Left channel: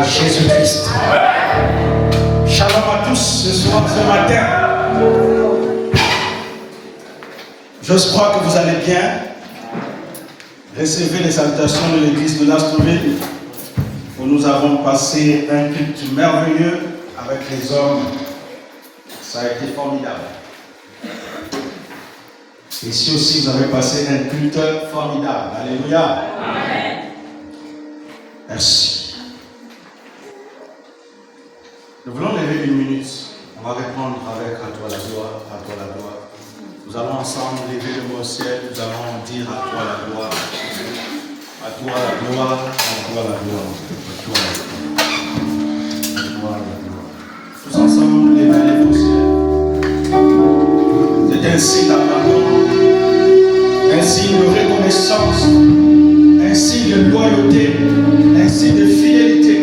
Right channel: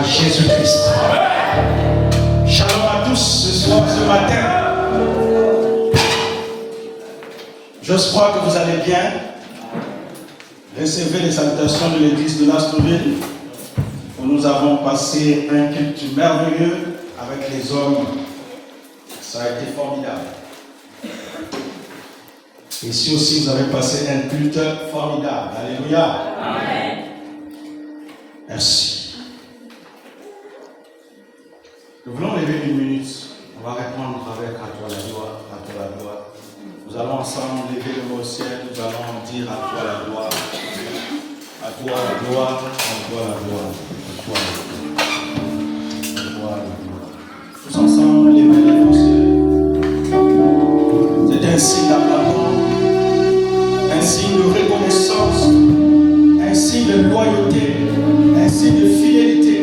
à Jésus-Christ. Shalom à tous ce matin. Je crois que vous allez bien. Recevez les salutations de l'église de Nastoville, où nous avons passé un culte merveilleux avec les hommes. Ça a été formidable. Ici aussi, vous avez passé un culte formidable. Alléluia. Amen. Merci. Nous voulons lever une minute. On va répondre avec à toi la gloire, à toi la gloire. Nous allons ensemble lever le mot au ciel. Nous allons dire à toi la gloire. À toi la gloire, à toi la gloire. À toi la gloire. Tous ensemble, les mains levées au ciel. C'est un signe d'amour, un signe de reconnaissance, un signe de loyauté, un signe de fidélité.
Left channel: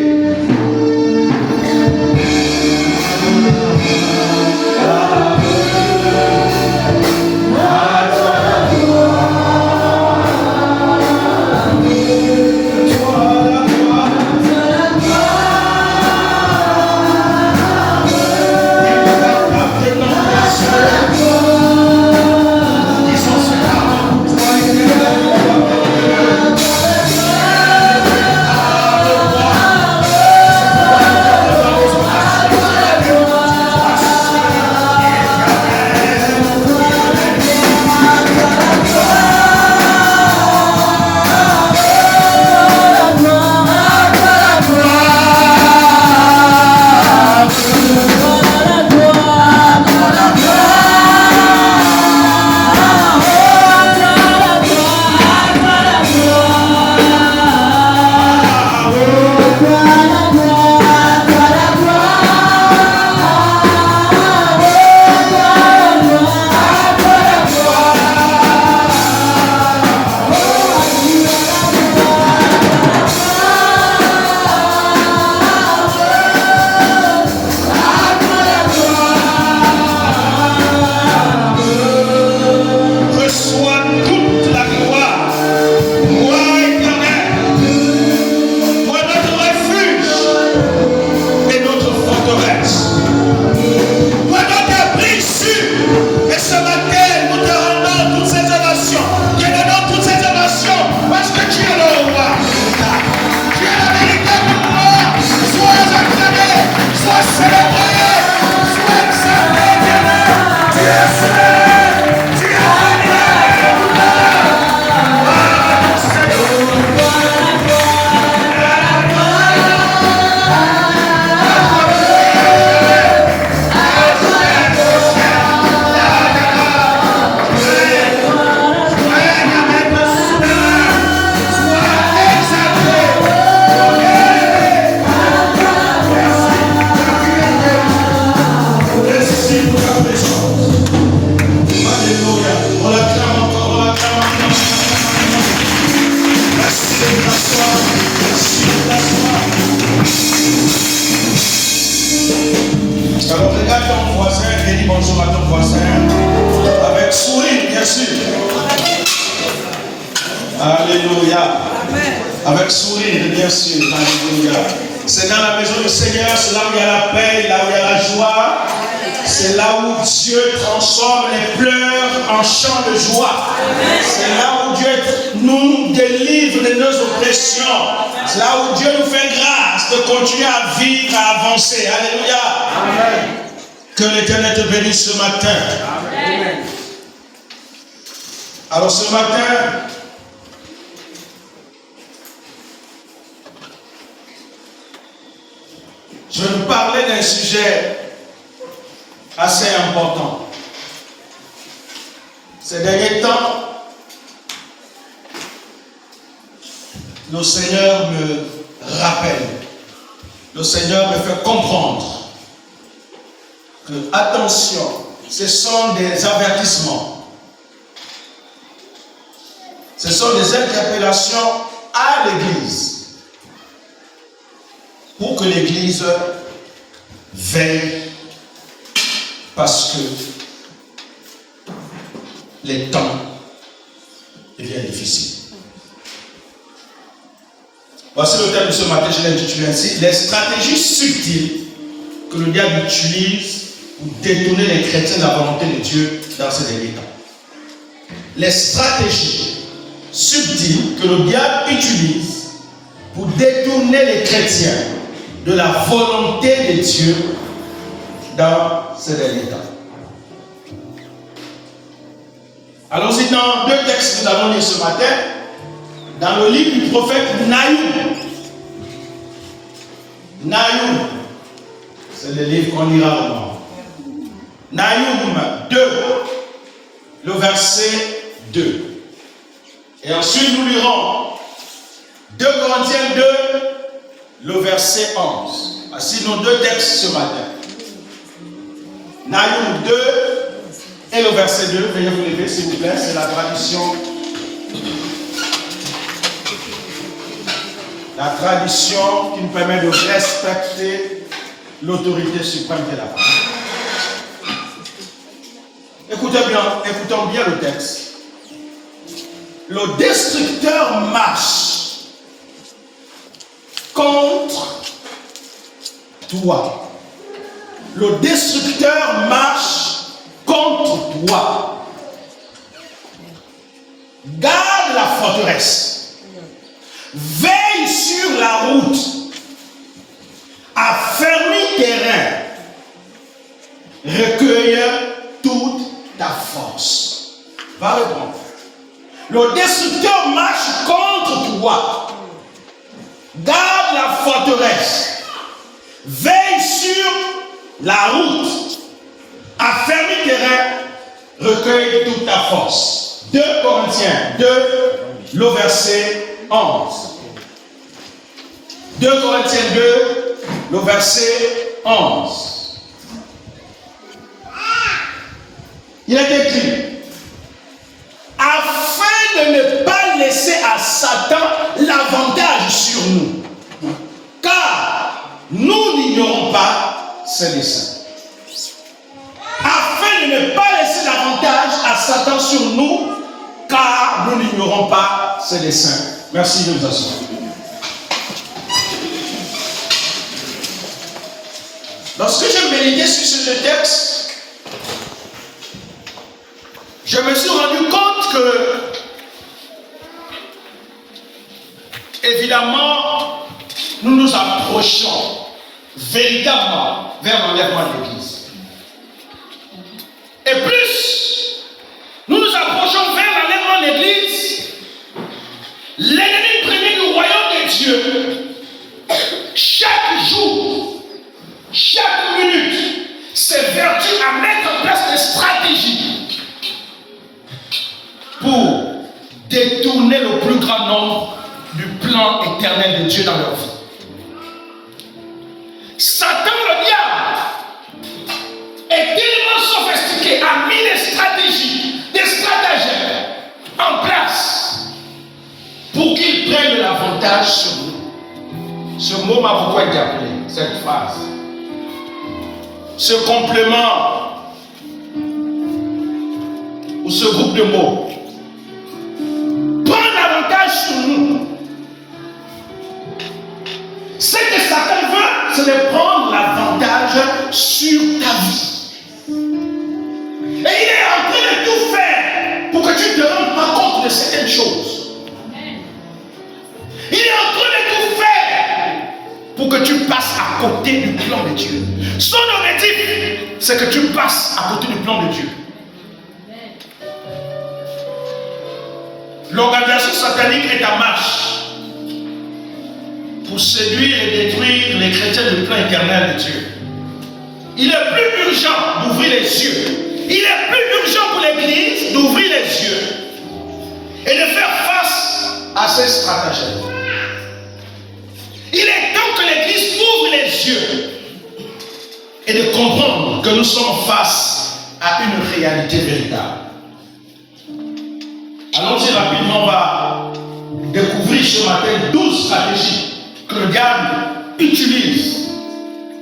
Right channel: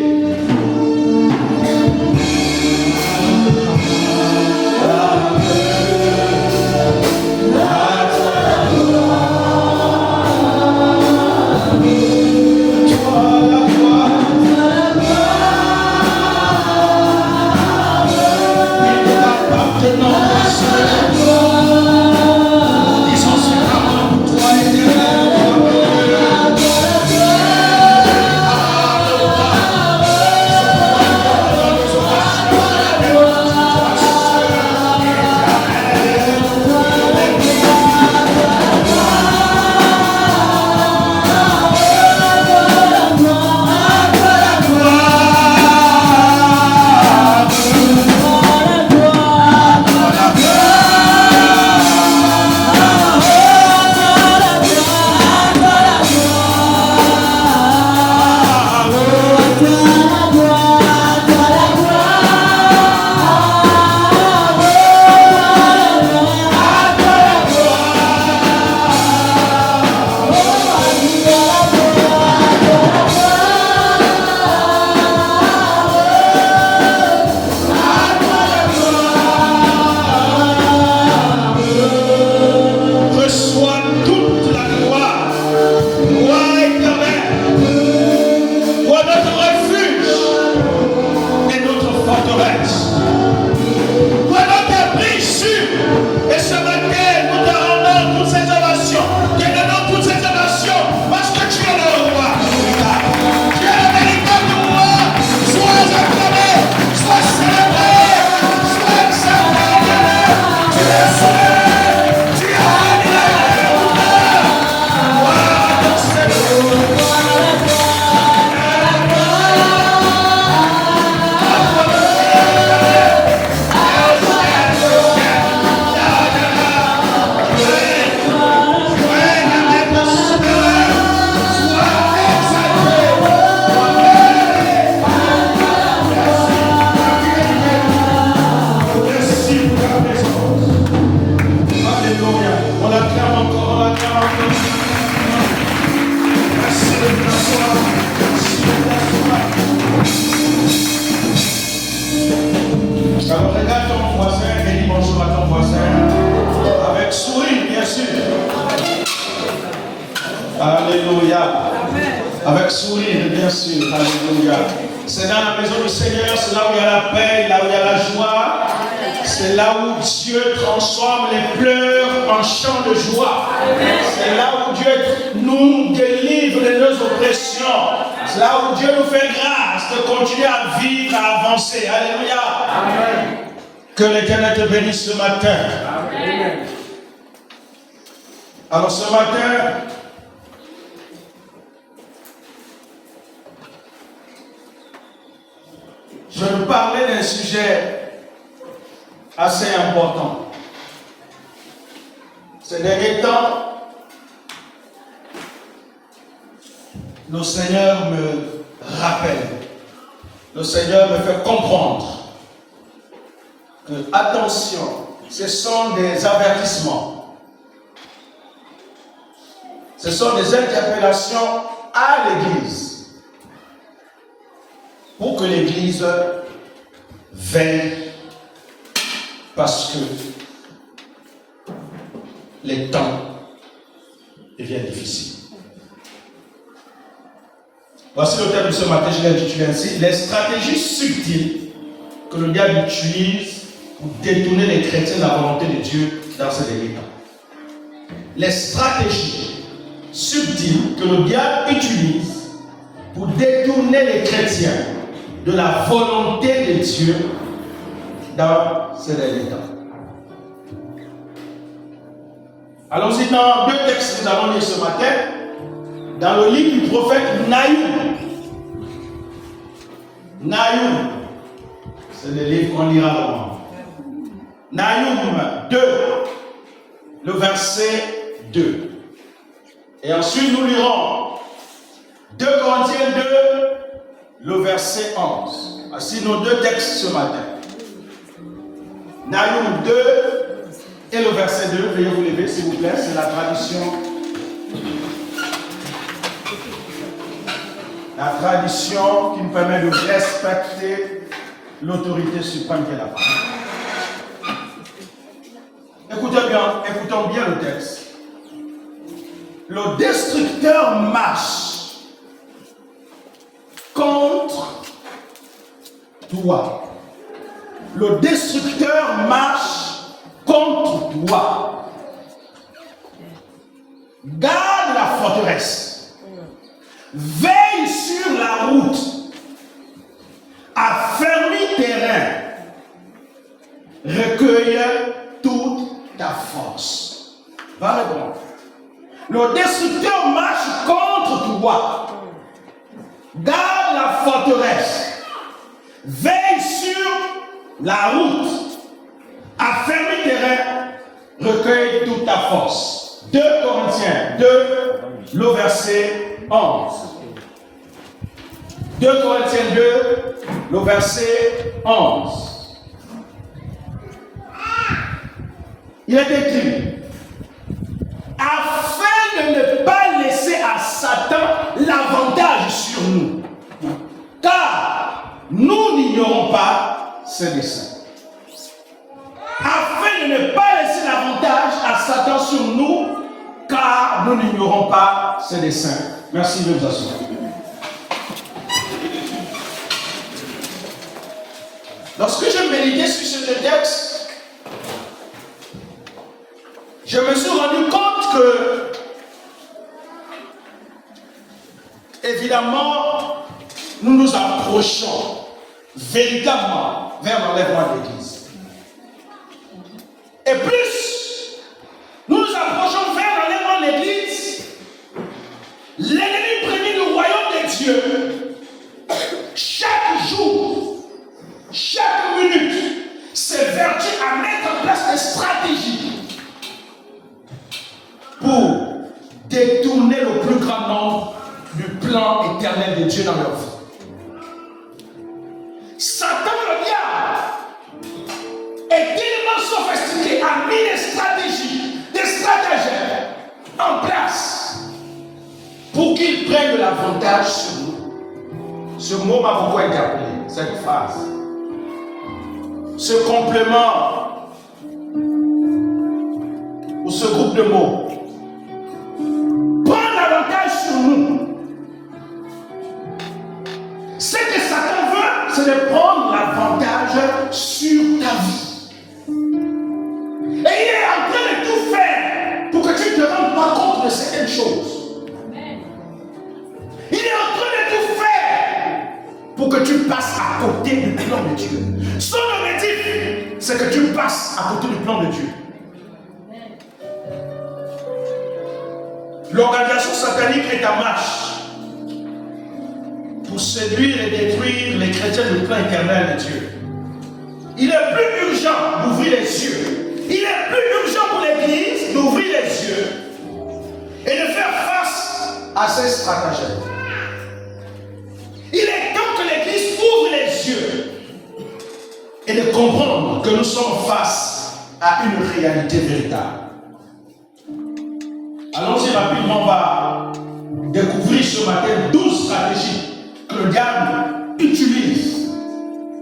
Que l'Éternel te bénisse ce matin. Amen. Alors ce matin, je vais nous parler d'un sujet assez important. Ces derniers temps, le Seigneur me rappelle, le Seigneur me fait comprendre que, attention, ce sont des avertissements. Ce sont des interpellations à l'Église pour que l'Église veille, parce que les temps deviennent difficiles. Voici le thème de ce matin, je l'ai intitulé ainsi: les stratégies subtiles que le diable utilise pour détourner les chrétiens de la volonté de Dieu dans ces derniers temps. Les stratégies subtiles que le diable utilise pour détourner les chrétiens de la volonté de Dieu dans ces derniers temps. Allons-y dans deux textes que nous allons lire ce matin. Dans le livre du prophète Nahum. Nahum, c'est le livre qu'on lira maintenant. Nahum 2, le verset 2. Et ensuite nous lirons 2 Corinthiens 2, le verset 11. Voici nos deux textes ce matin. Nahum 2 et le verset 2. Veuillez vous lever s'il vous plaît, c'est la tradition. La tradition qui nous permet de respecter l'autorité suprême qui est la femme. Écoutons bien le texte. Le destructeur marche contre toi. Le destructeur marche contre toi. Garde la forteresse. Veille sur la route. Affermis tes reins. Recueille toute ta force. Va le prendre. Le destructeur marche contre toi. Garde la forteresse. Veille sur la route. Affermis tes reins. Recueille toute ta force. 2 Corinthiens 2, le verset 11. 2 Corinthiens 2, le verset 11. Il est écrit: afin de ne pas laisser à Satan l'avantage sur nous, car nous n'ignorons pas ses desseins. Afin de ne pas laisser l'avantage à Satan sur nous, car nous n'ignorons pas ses desseins. Merci de vous asseoir. Lorsque je méditais sur ce texte, je me suis rendu compte que, évidemment, nous nous approchons véritablement vers l'enlèvement de l'Église. Et plus nous nous approchons vers l'enlèvement de l'Église, l'ennemi premier du royaume de Dieu, chaque jour, chaque minute, s'évertue à mettre en place des stratégies pour détourner le plus grand nombre du plan éternel de Dieu dans leur vie. Satan, le diable, est tellement sophistiqué, a mis des stratégies, des stratagèmes en place pour qu'il prenne l'avantage sur nous. Ce mot m'a beaucoup interpellé, cette phrase. Ce complément ou ce groupe de mots. Prendre l'avantage sur nous. Ce que Satan veut, c'est de prendre l'avantage sur ta vie. Et il est en train de tout faire pour que tu ne te rendes pas compte de certaines choses. Il est en train de tout faire pour que tu passes à côté du plan de Dieu. Son objectif, c'est que tu passes à côté du plan de Dieu. L'organisation satanique est en marche pour séduire et détruire les chrétiens du plan éternel de Dieu. Il est plus urgent d'ouvrir les yeux. Il est plus urgent pour l'Église d'ouvrir les yeux et de faire face à ces stratagèmes. Il est temps que l'Église ouvre les yeux et de comprendre que nous sommes face à une réalité véritable. Allons-y rapidement, on va découvrir ce matin 12 stratégies que le diable utilise.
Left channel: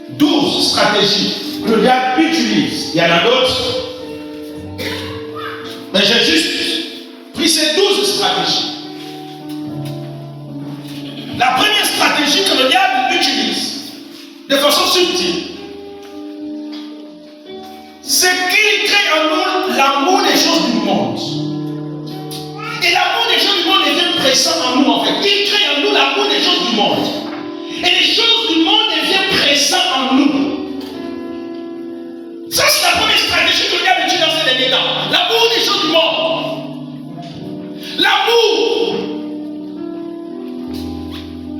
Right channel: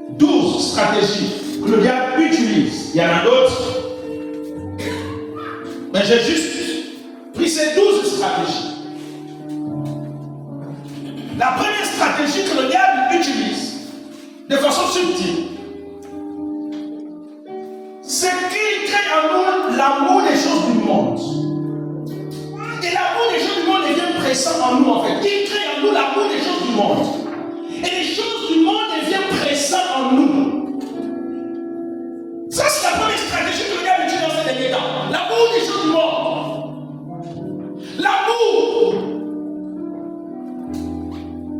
12 stratégies que le diable utilise. Il y en a d'autres. Mais j'ai juste pris ces 12 stratégies. La première stratégie que le diable utilise de façon subtile, c'est qu'il crée en nous l'amour des choses du monde. Et l'amour des choses du monde devient pressant en nous en fait. Il crée en nous l'amour des choses du monde. Et les choses du monde deviennent pressantes en nous. Ça, c'est la première stratégie que le diable utilise dans ces derniers temps. L'amour des choses du monde. L'amour.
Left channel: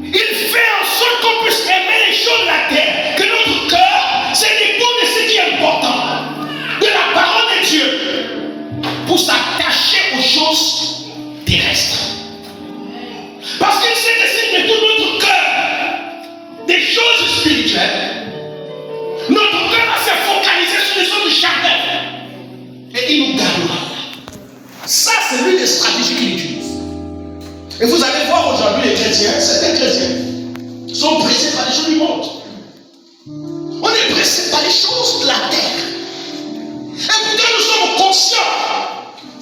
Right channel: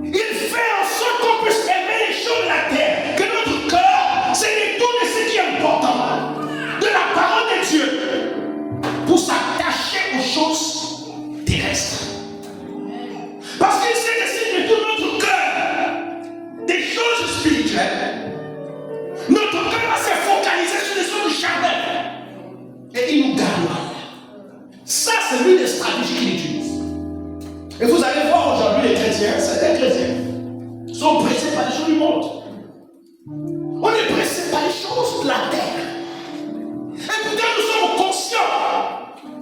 Il fait en sorte qu'on puisse aimer les choses de la terre. Que notre cœur s'éloigne de ce qui est important. De la parole de Dieu. Pour s'attacher aux choses terrestres. Parce qu'il sait que si de tout notre cœur des choses spirituelles, notre cœur va se focaliser sur les choses charnelles. Et il nous gagnera. Ça, c'est l'une des stratégies qu'il utilise. Et vous allez voir aujourd'hui les chrétiens, certains chrétiens, sont pressés par les choses du monde. On est pressés par les choses de la terre. Et pourtant nous sommes conscients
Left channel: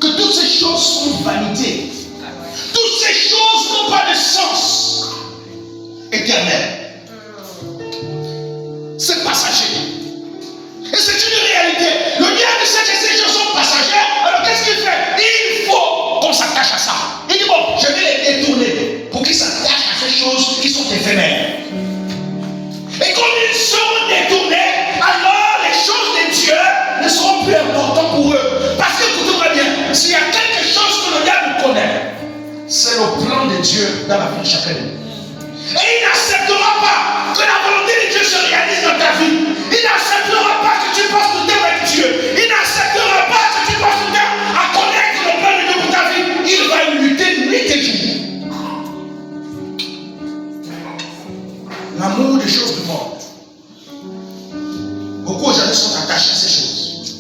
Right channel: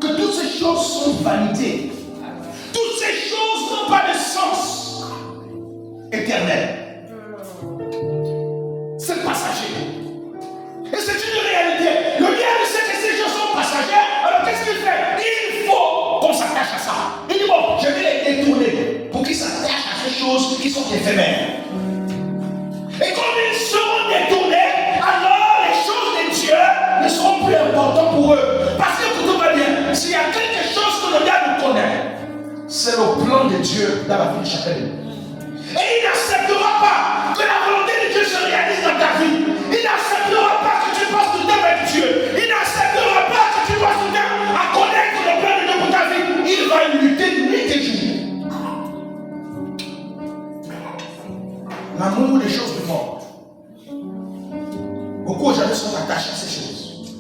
que toutes ces choses sont vanité. Toutes ces choses n'ont pas de sens éternel. C'est passager. Et c'est une réalité. Le diable sait que ces choses sont passagères. Alors qu'est-ce qu'il fait? Il faut qu'on s'attache à ça. Il dit bon, je vais les détourner pour qu'ils s'attachent à ces choses qui sont éphémères. Et quand ils seront détournés, alors les choses de Dieu ne seront plus importantes pour eux. Parce que écoutez-moi bien, s'il y a quelque chose que le diable connaît, c'est le plan de Dieu dans la vie de chacun de nous. Et il n'acceptera pas que la volonté de Dieu se réalise dans ta vie. Il n'acceptera pas que tu passes tout le temps avec Dieu. Il n'acceptera pas que tu passes tout le temps à connaître le plan de Dieu pour ta vie. Il va lutter nuit et jour. L'amour des choses du monde. Beaucoup aujourd'hui sont attachés à ces choses.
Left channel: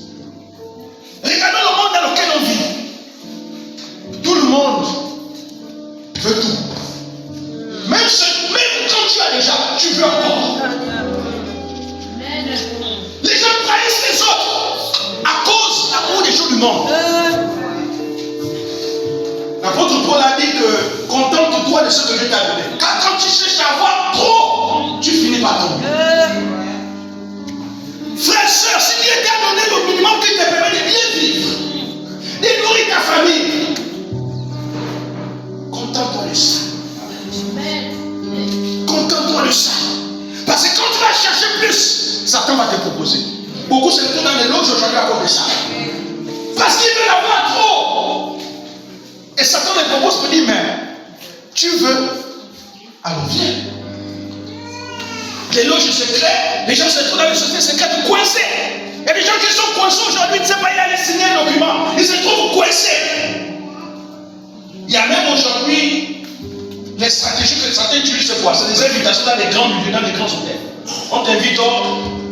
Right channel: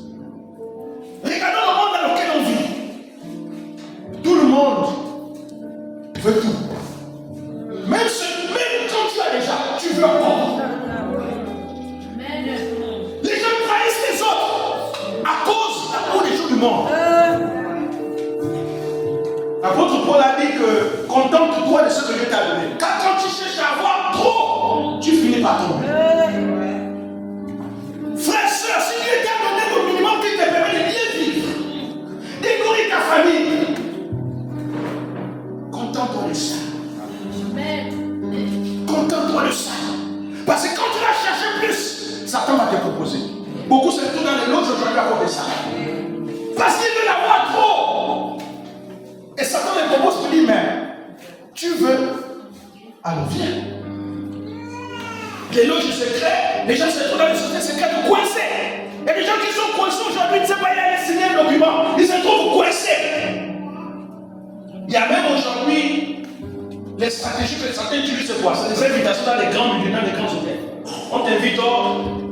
Regardons le monde dans lequel on vit. Tout le monde veut tout. Même quand tu as déjà, tu veux encore. Les gens trahissent les autres à cause de l'amour des choses du monde. L'apôtre Paul a dit que contente-toi de ce que Dieu t'a donné. Car quand tu cherches à avoir trop, tu finis par tomber. Frère, soeur, si Dieu t'a donné le minimum qui te permet de bien vivre, de nourrir ta famille, contente-toi de ça. Contente-toi de ça. Parce que quand tu vas chercher plus, Satan va te proposer. Beaucoup se retrouvent dans les loges aujourd'hui à cause de ça. Parce qu'il veut l'avoir trop. Et Satan les propose pour dire, mais tu veux, alors viens. Les loges secrètes, les gens se trouvent dans les sociétés secrètes coincés. Il y a des gens qui sont coincés aujourd'hui, ils ne savent pas, il allait signer un document. Ils se trouvent coincés. Il y a même aujourd'hui les stratégies que Satan utilise, c'est quoi? C'est des invitations dans les grands milieux, dans les grands hôtels. On t'invite,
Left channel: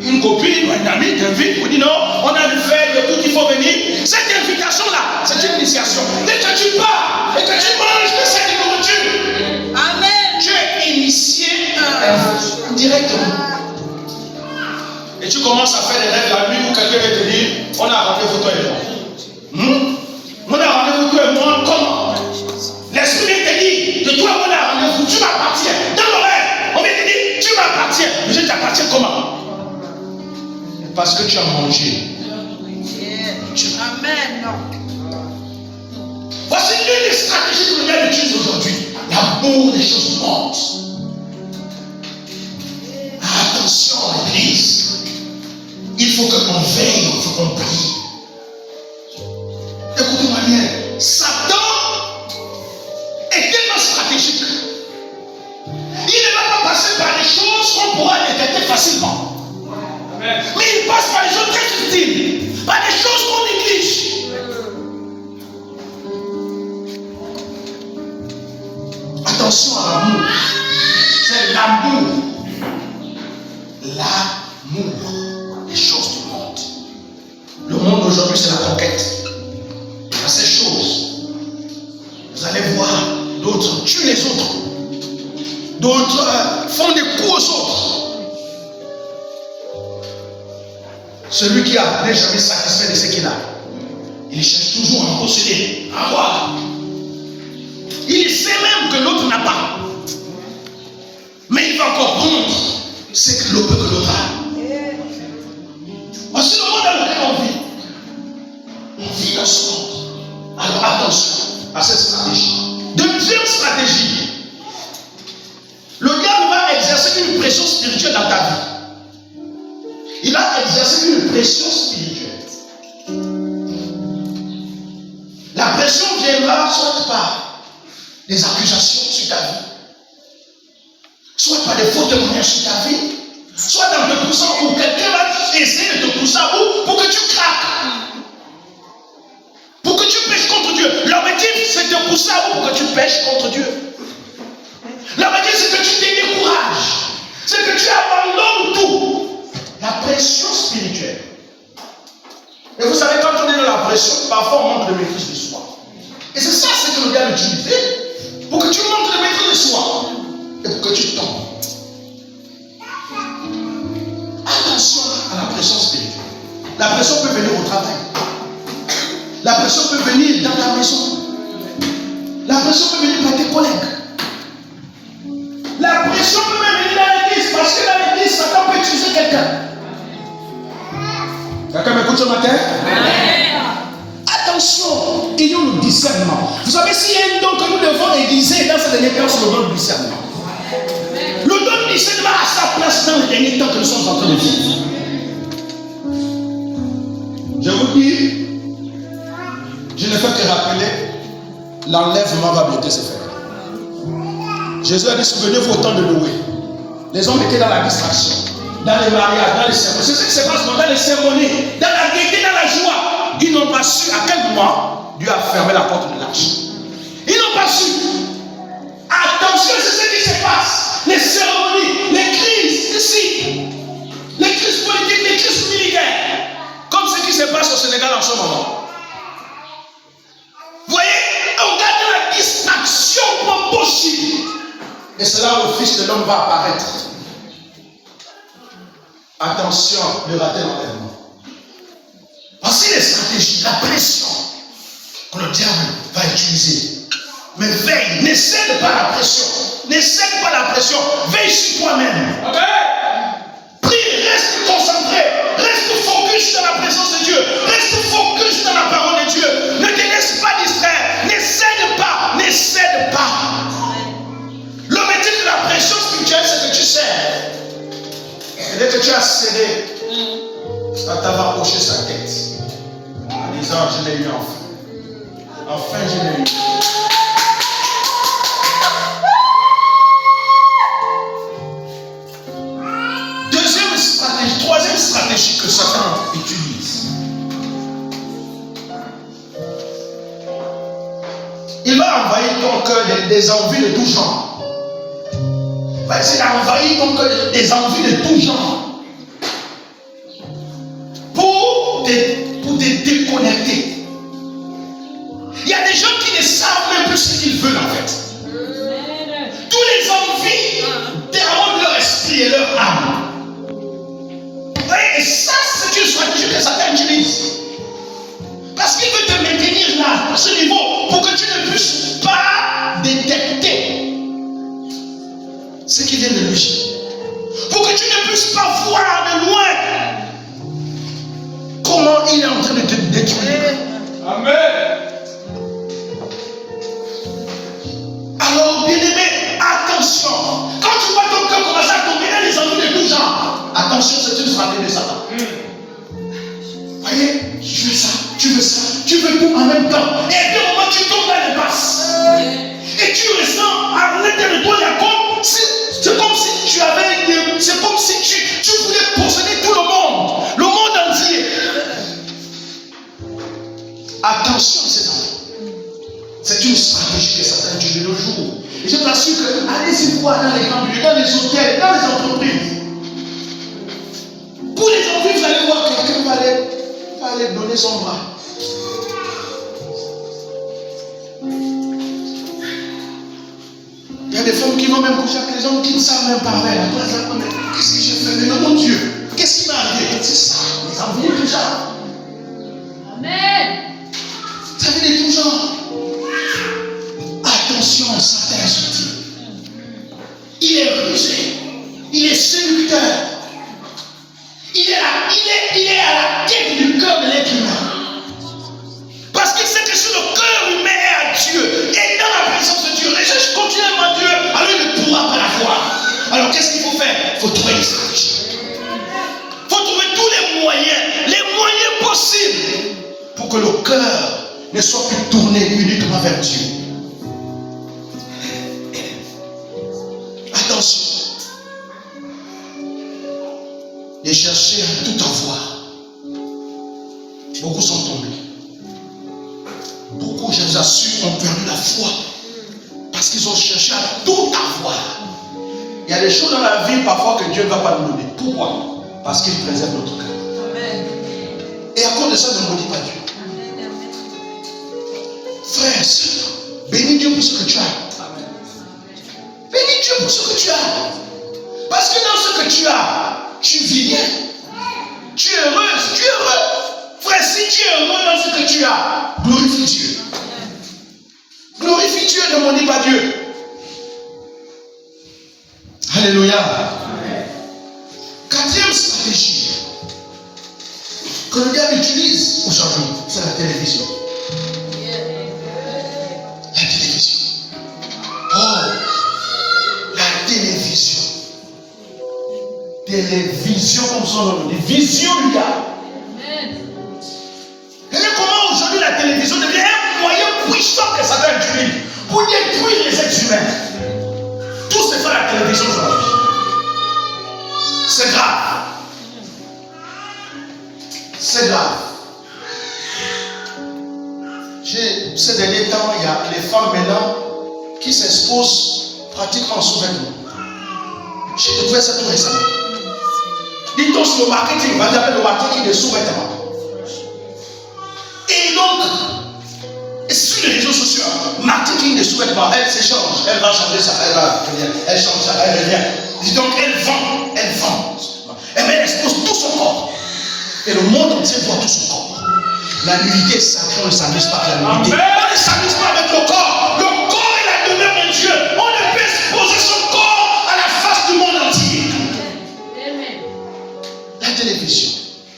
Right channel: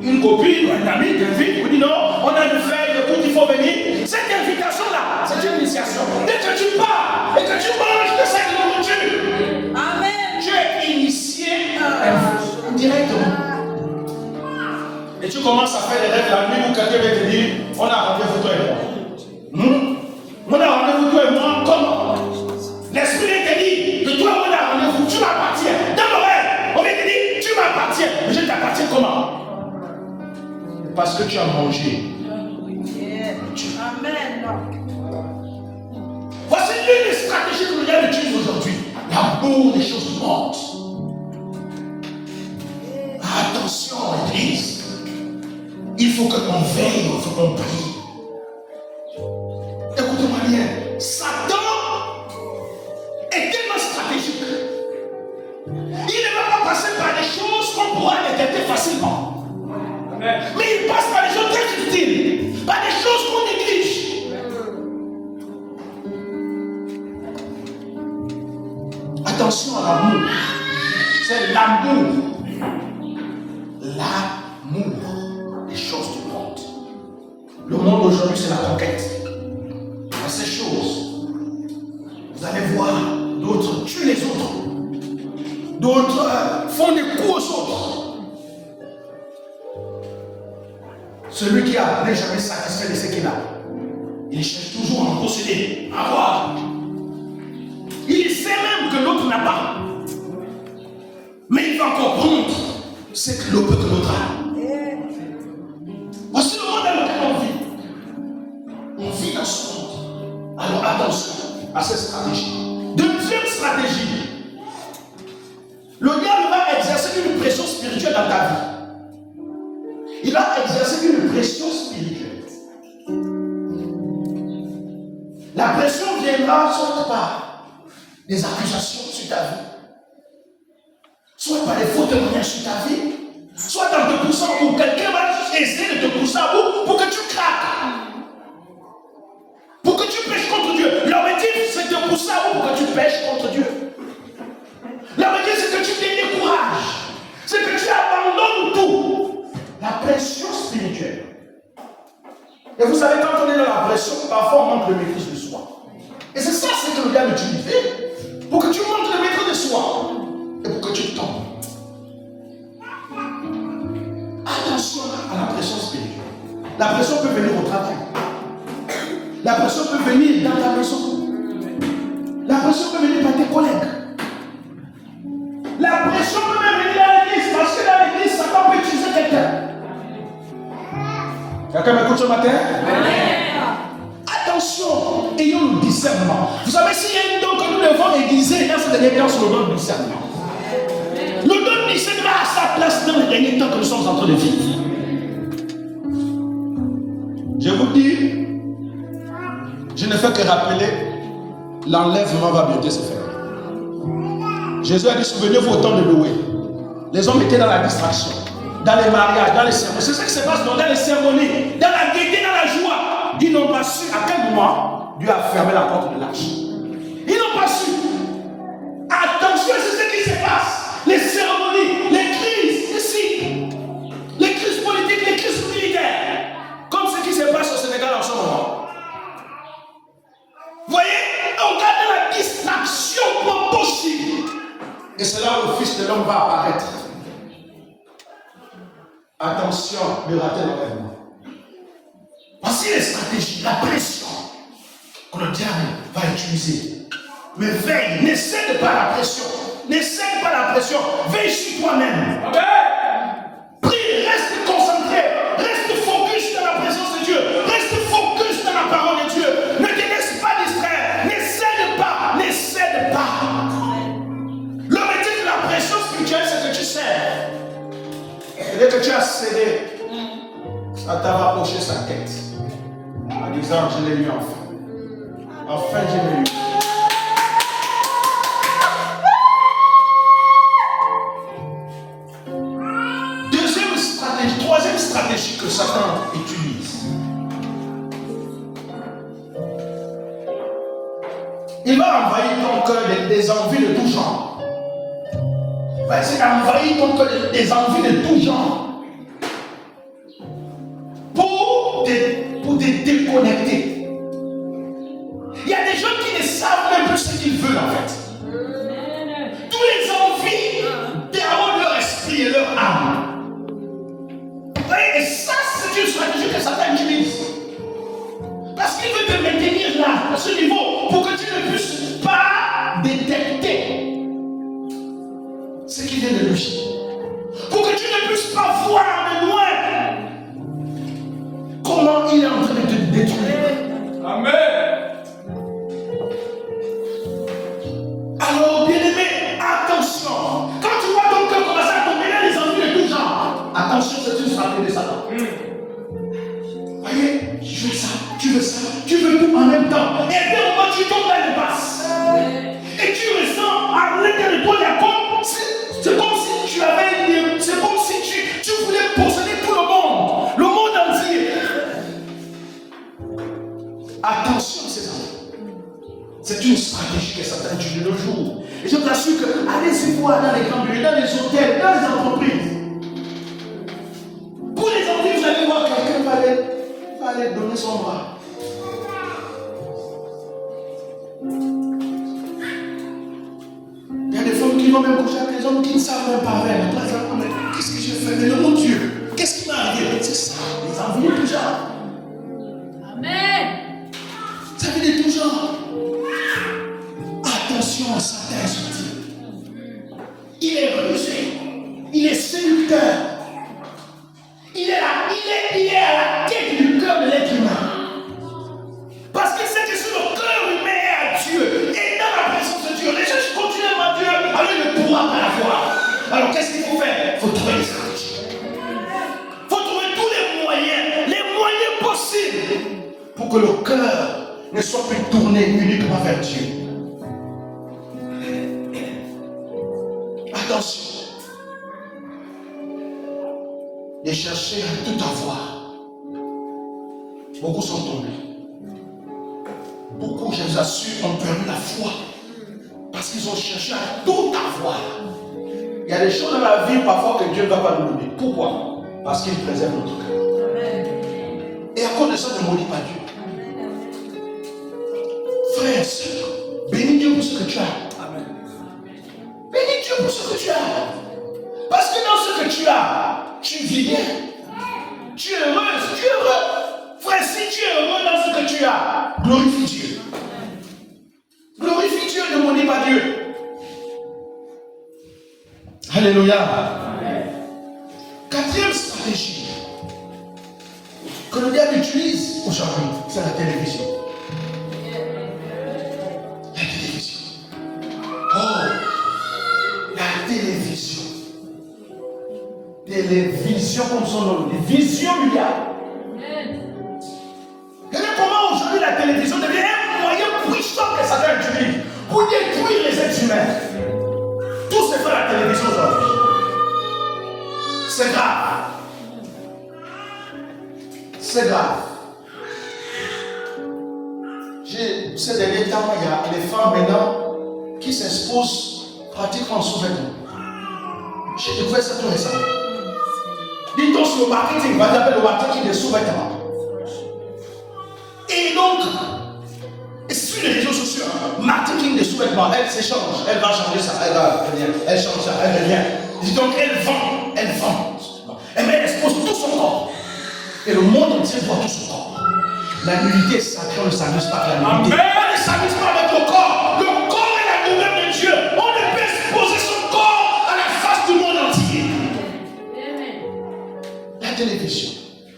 une copine ou un ami t'invite, on dit non, on a dû faire le coup qu'il faut venir. Cette invitation-là, c'est une initiation. Dès que tu pars et que tu manges de cette nourriture, amen, tu es initié directement. Et tu commences à faire des rêves la nuit où quelqu'un va te dire, on a rendez-vous toi et moi. On a rendez-vous toi et moi, comment? L'esprit te dit, de toi on a rendez-vous, tu m'appartiens. Dans le rêve, on vient te dire, tu m'appartiens. Mais je t'appartiens comment? Parce que tu as mangé. Amen. Voici l'une des stratégies que le diable utilise aujourd'hui. L'amour des choses du monde. Attention, Église. Il faut que l'on veille, il faut qu'on prie. Écoutez-moi bien. Satan est tellement stratégique. Il ne va pas passer par des choses qu'on pourra détecter facilement. Amen. Mais il passe par des choses très subtiles, par des choses qu'on néglige. Attention à l'amour. C'est l'amour. L'amour des choses du monde. Le monde aujourd'hui, c'est la conquête. À ces choses, vous allez voir, d'autres tuent les autres. D'autres font des coups aux autres. Celui qui n'est jamais satisfait de ce qu'il a, il cherche toujours à en posséder, à avoir. Il sait même que l'autre n'a pas. c'est que le peu que l'autre a. Voici le monde dans lequel on vit. On vit dans ce monde. Alors attention à cette stratégie. Deuxième stratégie. Le diable va exercer une pression spirituelle dans ta vie. Il va exercer une pression spirituelle. La pression viendra soit par des accusations sur ta vie, soit par des faux témoignages sur ta vie, soit dans te poussant où quelqu'un va essayer de te pousser à bout pour que tu craques, pour que tu pêches contre Dieu. L'objectif, c'est de te pousser à bout pour que tu pêches contre Dieu. L'objectif, c'est que tu te décourages, c'est que tu abandonnes tout. La pression spirituelle. Et vous savez, quand on est dans la pression, parfois on manque de maîtrise de soi. Et c'est ça, c'est que le diable utilise pour que tu manques de maîtrise de soi et pour que tu tombes. Attention à la pression spirituelle. La pression peut venir au travail. La pression peut venir dans ta maison. La pression peut venir par tes collègues. La pression peut même venir dans l'église, parce que dans l'église, Satan peut utiliser quelqu'un. Quelqu'un m'écoute ce matin? Attention, ayons le discernement. Vous savez, s'il y a un don que nous devons aiguiser dans cette dernière classe, c'est le don du discernement. Le don du discernement a sa place dans les derniers temps que nous sommes en train de vivre. Je vous dis, je ne fais que rappeler, l'enlèvement va bientôt se faire. Jésus a dit, souvenez-vous au temps de Noé. Les hommes étaient dans la distraction, dans les mariages, dans les cérémonies. C'est ce qui se passe dans les cérémonies, dans la gaieté, dans la joie. Ils n'ont pas su à quel moment Dieu a fermé la porte de l'arche. Ils n'ont pas su. Attention, c'est ce qui se passe. Les cérémonies, les crises, ici. Les crises politiques, les crises militaires. Comme ce qui se passe au Sénégal en ce moment. Vous voyez, on garde la distraction comme possible. Et c'est là où le Fils de l'homme va apparaître. Attention, ne ratez l'enlèvement. Voici les stratégies, la pression que le diable va utiliser. Mais veille, ne cède pas la pression. Ne cède pas la pression. Veille sur toi-même. Okay. Prie, reste concentré. Reste focus dans la présence de Dieu. Reste focus dans la parole de Dieu. Ne te laisse pas distraire. Ne cède pas. Ne cède pas. L'objectif de la pression spirituelle, c'est que tu cèdes. Et dès que tu as cédé, Satan va hocher sa tête en disant, je l'ai eu enfin. Enfin, je l'ai eu. Deuxième stratégie, troisième stratégie que Satan utilise. Il va envahir ton cœur des envies de tout genre. Il va essayer d'envahir ton cœur des envies de tout genre. Pour te déconnecter. Il y a des gens qui ne savent même plus ce qu'ils veulent en fait. Tous les envies dérobent leur esprit et leur âme. Et ça, c'est une stratégie que Satan utilise. Parce qu'il veut te maintenir là, à ce niveau, pour que tu ne puisses pas détecter ce qui vient de lui. Pour que tu ne puisses pas voir de loin comment il est en train de te détruire. Amen. Alors, bien-aimé, attention. Quand tu vois ton cœur commencer à tomber dans les envies de tout genre, attention, c'est une stratégie de Satan. Voyez, tu veux ça, tu veux ça, tu veux tout en même temps. Et à un moment, tu tombes dans les passes. Et tu ressens à l'intérieur de toi, il y a comme si, c'est comme si tu avais, c'est comme si tu voulais posséder tout le monde entier. Attention à ces enfants. C'est une stratégie que Satan utilise le jour. Et je t'assure que allez-y voir dans les camps, dans les hôtels, dans les entreprises. Pour les entreprises, vous allez voir quelqu'un va aller donner son bras. Il y a des femmes qui vont même coucher avec les hommes qui ne savent même pas parler. Qu'est-ce que j'ai fait? Mais mon Dieu, qu'est-ce qui m'est arrivé? C'est ça, les envies de tout genre. Amen. Ça veut dire tout genre. Attention, Satan est subtil. Il est rusé. Il est séducteur. ne soit plus tourné uniquement vers Dieu. Attention. De chercher à tout avoir. Beaucoup sont tombés. Beaucoup, je vous assure, ont perdu la foi. Parce qu'ils ont cherché à tout avoir. Il y a des choses dans la vie parfois que Dieu ne va pas nous donner. Pourquoi? Parce qu'il préserve notre cœur. Amen. Et à cause de ça, ne maudis pas Dieu. Frère, sœur, bénis Dieu pour ce que tu as. Amen. Bénis Dieu pour ce que tu as. Parce que dans ce que tu as, tu vis bien. Tu es heureuse, tu es heureux. Frère, si tu es heureux dans ce que tu as, glorifie Dieu. Glorifie Dieu, ne maudis pas Dieu. Alléluia. Amen. Quatrième stratégie que le diable utilise aujourd'hui, c'est la télévision. La télévision. Oh, la télévision. Télévision comme son nom dit. Vision du diable. Et comment aujourd'hui la télévision devient un moyen puissant que Satan utilise pour détruire les êtres humains. Tout se fait à la télévision aujourd'hui. C'est grave. C'est grave. Ces derniers temps, il y a les femmes maintenant qui s'exposent pratiquement en sous-vêtements. J'ai découvert ça tout récemment. Dit-on sur le marketing, on appelle le marketing de sous-vêtements. Et donc, sur les réseaux sociaux, marketing de sous-vêtements, elle s'échange, elle va changer ça, elle va venir, elle change ça, elle revient. Dis donc, elle vend. Et mais elle expose tout son corps. Et le monde entier voit tout son corps. La nudité est sacrée, on ne s'amuse pas avec la nudité. On ne s'amuse pas avec le corps. Le corps est la demeure de Dieu. On ne peut exposer son corps à la face du monde entier. La télévision.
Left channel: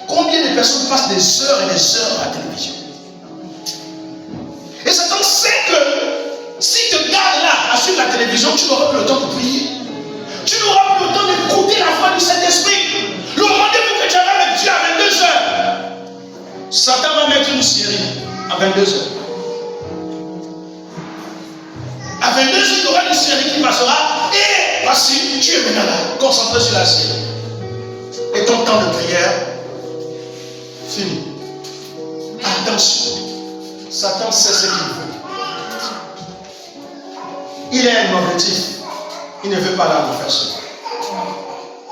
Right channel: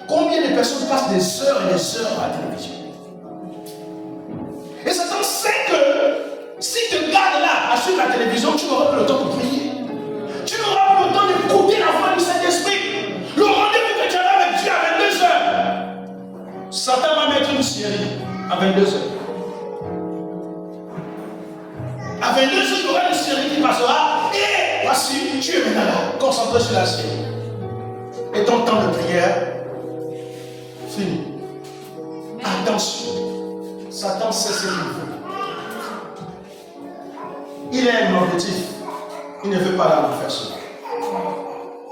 Combien de personnes passent des heures et des heures à la télévision? Et Satan sait que si tu gardes là à suivre la télévision, tu n'auras plus le temps de prier. Tu n'auras plus le temps d'écouter la voix du Saint-Esprit. Le rendez-vous que tu avais avec Dieu à 22 heures. Satan va mettre une série à 22 heures. À 22 heures, il y aura une série qui passera. Et voici, tu es maintenant là, concentré sur la série. Et ton temps de prière, fini. Attention. Satan sait ce qu'il veut. Il a un objectif. Il ne veut pas la refaire.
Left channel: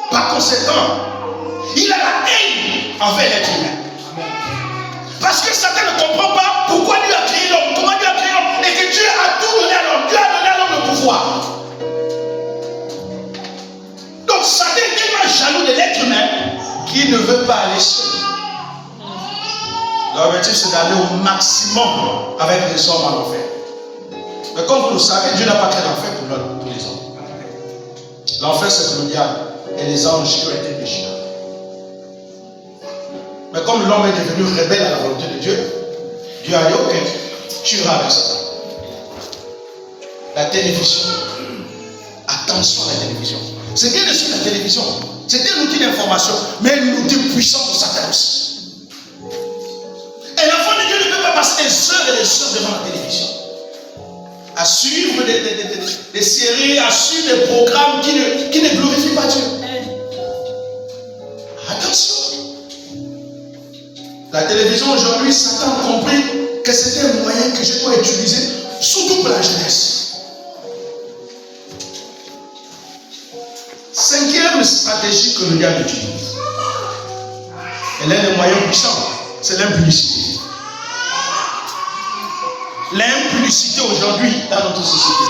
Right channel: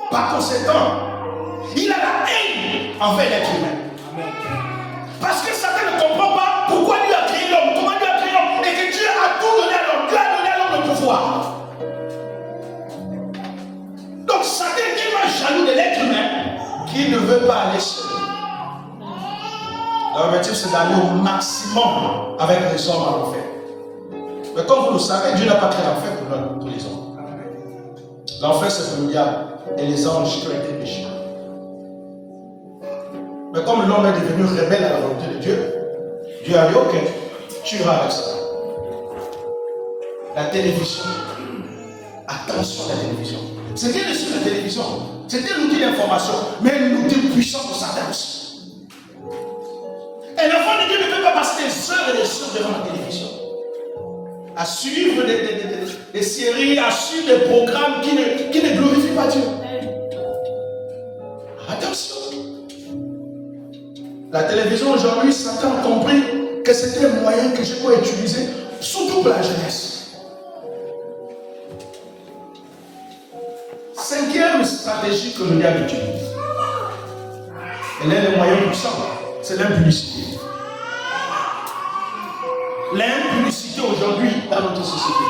Par conséquent, il a la haine envers l'être humain. Parce que Satan ne comprend pas pourquoi Dieu a créé l'homme, comment Dieu a créé l'homme, et que Dieu a tout donné à l'homme. Dieu a donné à l'homme le pouvoir. Donc Satan est tellement jaloux de l'être humain qu'il ne veut pas aller seul. L'objectif, c'est d'aller au maximum avec les hommes à l'enfer. Mais comme vous le savez, Dieu n'a pas créé l'enfer pour les hommes. L'enfer, c'est pour le diable et les anges qui ont été péchés. Mais comme l'homme est devenu rebelle à la volonté de Dieu, Dieu a dit, ok, tu iras avec ça. La télévision. Attention à la télévision. C'est bien de suivre la télévision. C'est un outil d'information, mais un outil puissant pour Satan aussi. Et l'enfant de Dieu ne peut pas passer des heures et des heures devant la télévision. À suivre des séries, à suivre des programmes qui ne glorifient pas Dieu. Attention. La télévision aujourd'hui, Satan a compris que c'était un moyen que je dois utiliser, surtout pour la jeunesse. Cinquième stratégie que le diable utilise. Elle est le moyen puissant, c'est l'impublicité. L'impublicité aujourd'hui dans notre société.